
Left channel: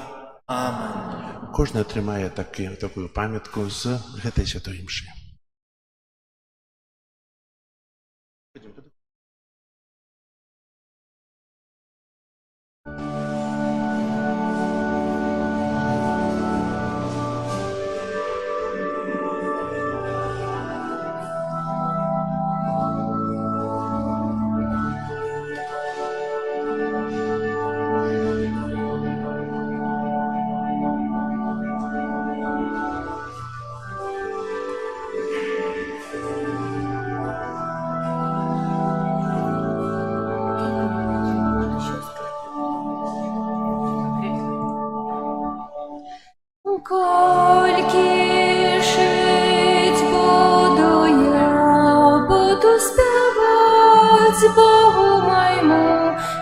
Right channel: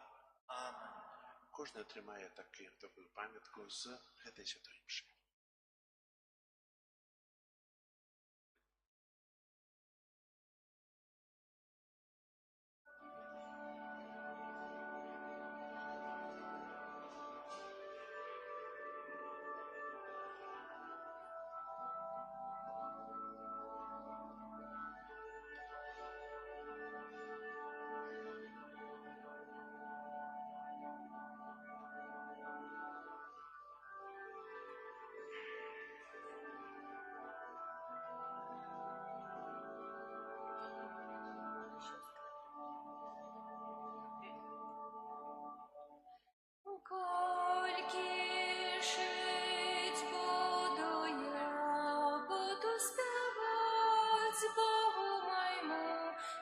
Амен. Кожны атрымае такую памятку з гэтай святой імшы. Кольки жить буду я, буду спевать Богу моему,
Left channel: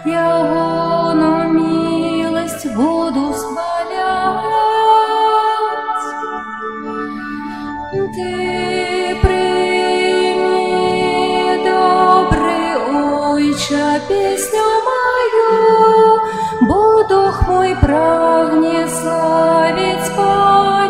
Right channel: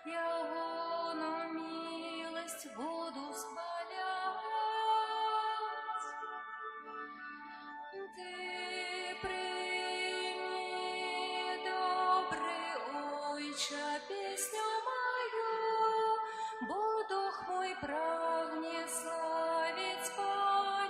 Ягону милость буду схвалять. Ты прими, добрый Ойче, песню мою, Бо дух мой прагне славить Паня.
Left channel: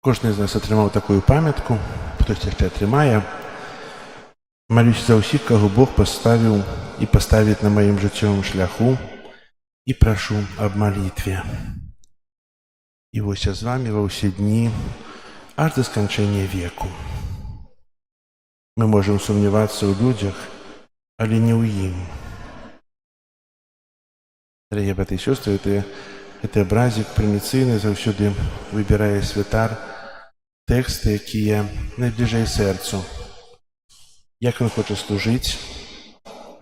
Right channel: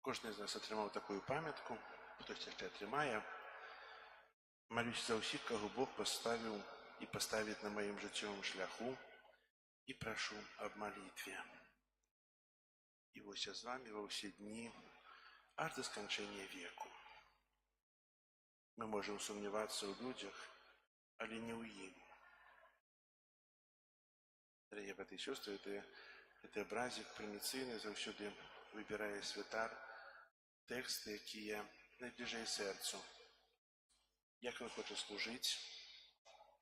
Кожны з нас атрымаў такую памятку, хтось яшчэ атрымае. Малюся за ўсіх, каго Бог паставіў і паставіць на маім жыццёвым шляху, і прашу аб малітве. І вось я з вамі ва ўсе дні, аж да сканчэння веку. Мы можам сумнявацца ў людзях, але не ў ім. Дарагія браты і сёстры, гэты абразік прыміцыйны заўсёды выбірае святар тэксты, якія найбліжэй сэрцу. Як ён хоча служыць,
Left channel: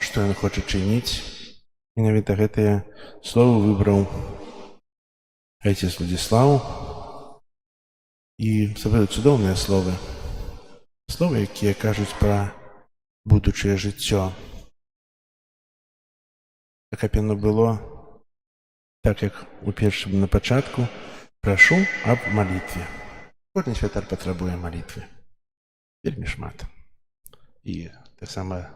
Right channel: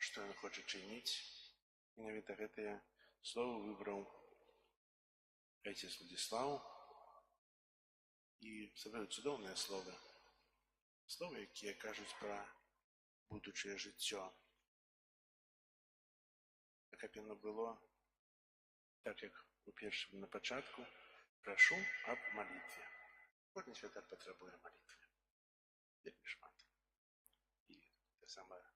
што ён хоча чыніць. Менавіта гэтыя словы выбраў айцец Владзіслаў. І сапраўды цудоўныя словы. Словы, якія кажуць пра будучае жыццё. Каб яно было так, як у першым на пачатку, прашу аб малітве. Кожны святар патрабуе малітвы. Вельмі шмат. І таксама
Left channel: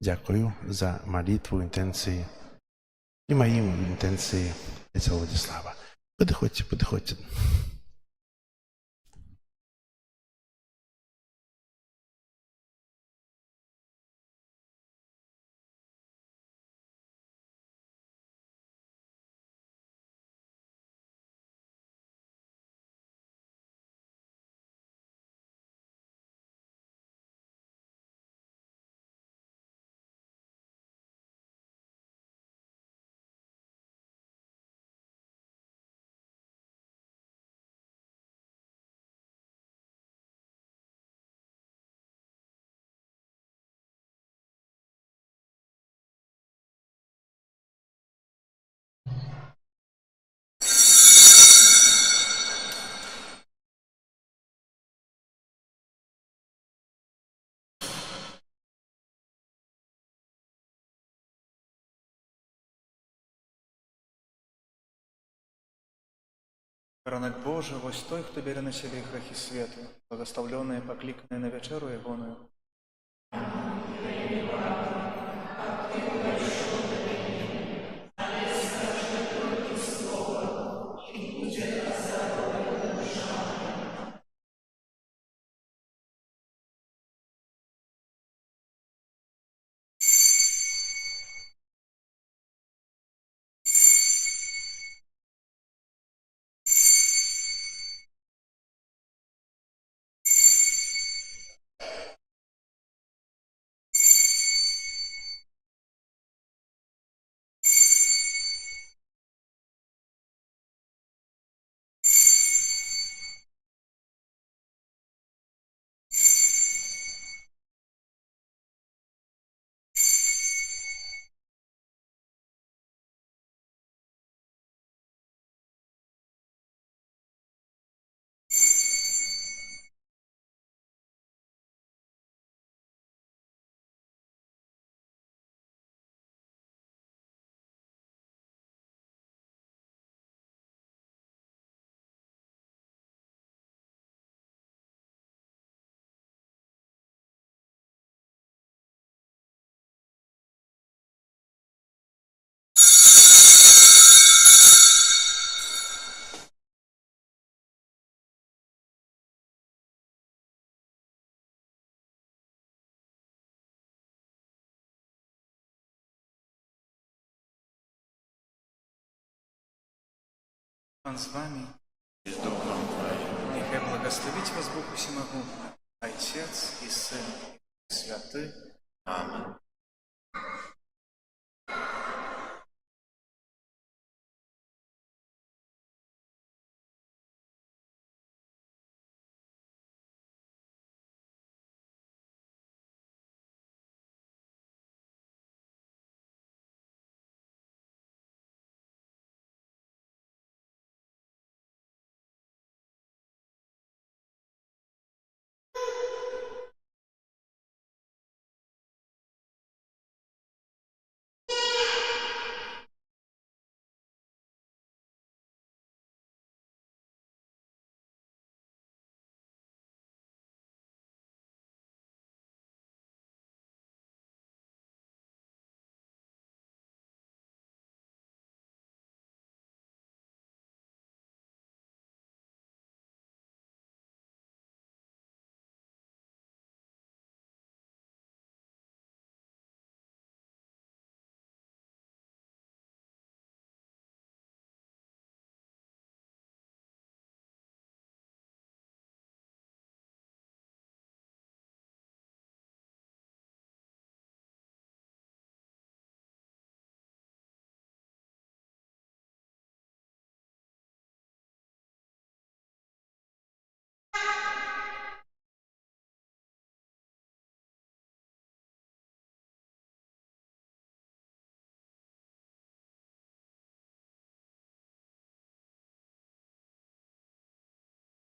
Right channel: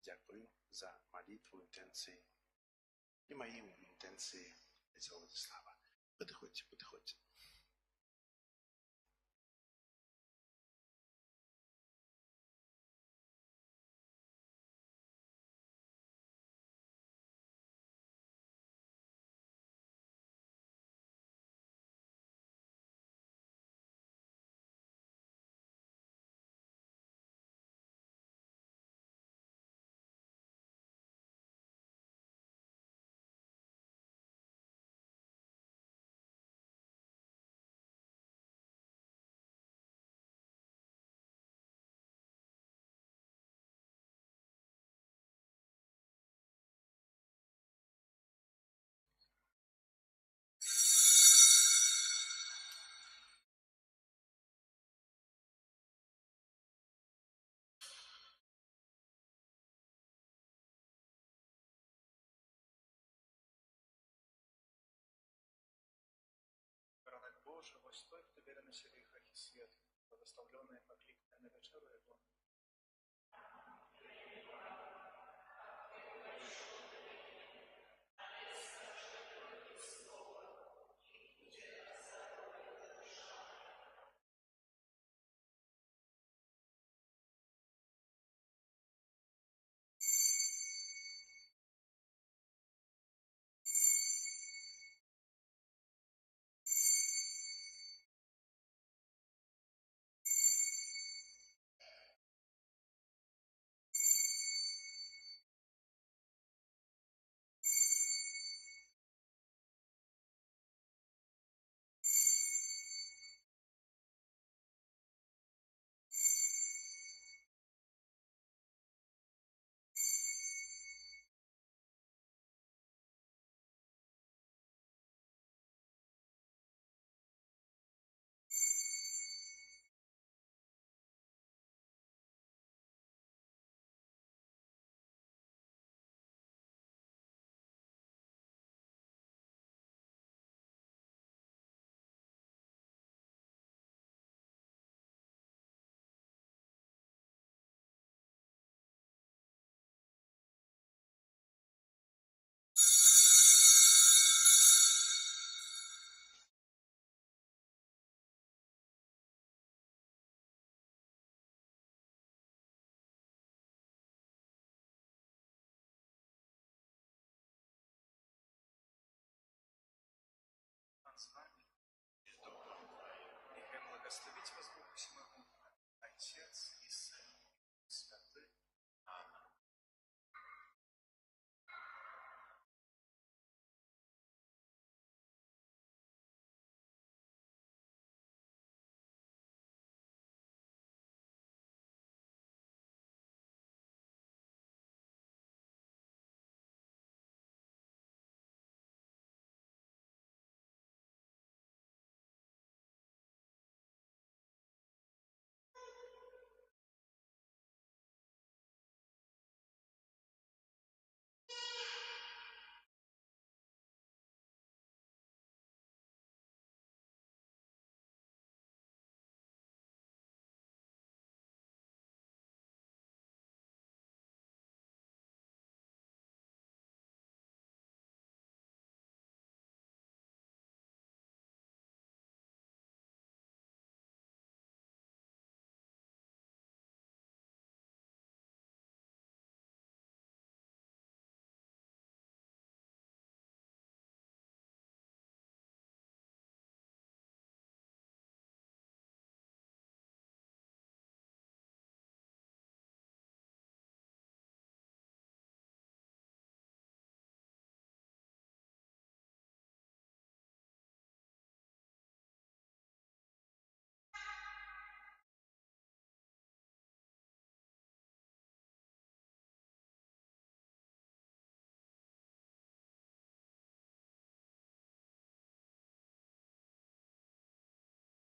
дзякую за малітву, інтэнцыі і маім інтэнцыі айца Владзіслава. Падыходзьце, падыходзьце. Ранак Божий, вось той, хто бере на себе грехи свету, благословленные, покликанные на вечеру Егоную. Пан с вами и с Духом Твоим. Нехай благословить вас Бог Всемогущий, Отец и Сын и Святый. Аминь.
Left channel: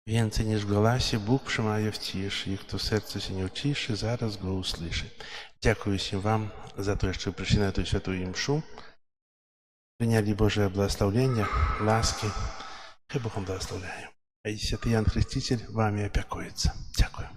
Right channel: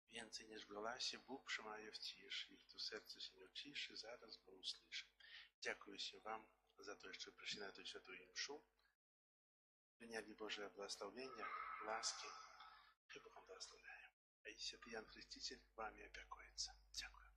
Więcej niż w głosie Bóg przemawia w ciszy, i kto serce się nie uciszy, zaraz go usłyszy. Dziękuję się Wam za to, że przyszli na tę świętą mszę. Приняли Божие благословение, ласки. Хай Бог вам благословляет. А и Святый Иоанн Креститель вами опекуется. Дякую.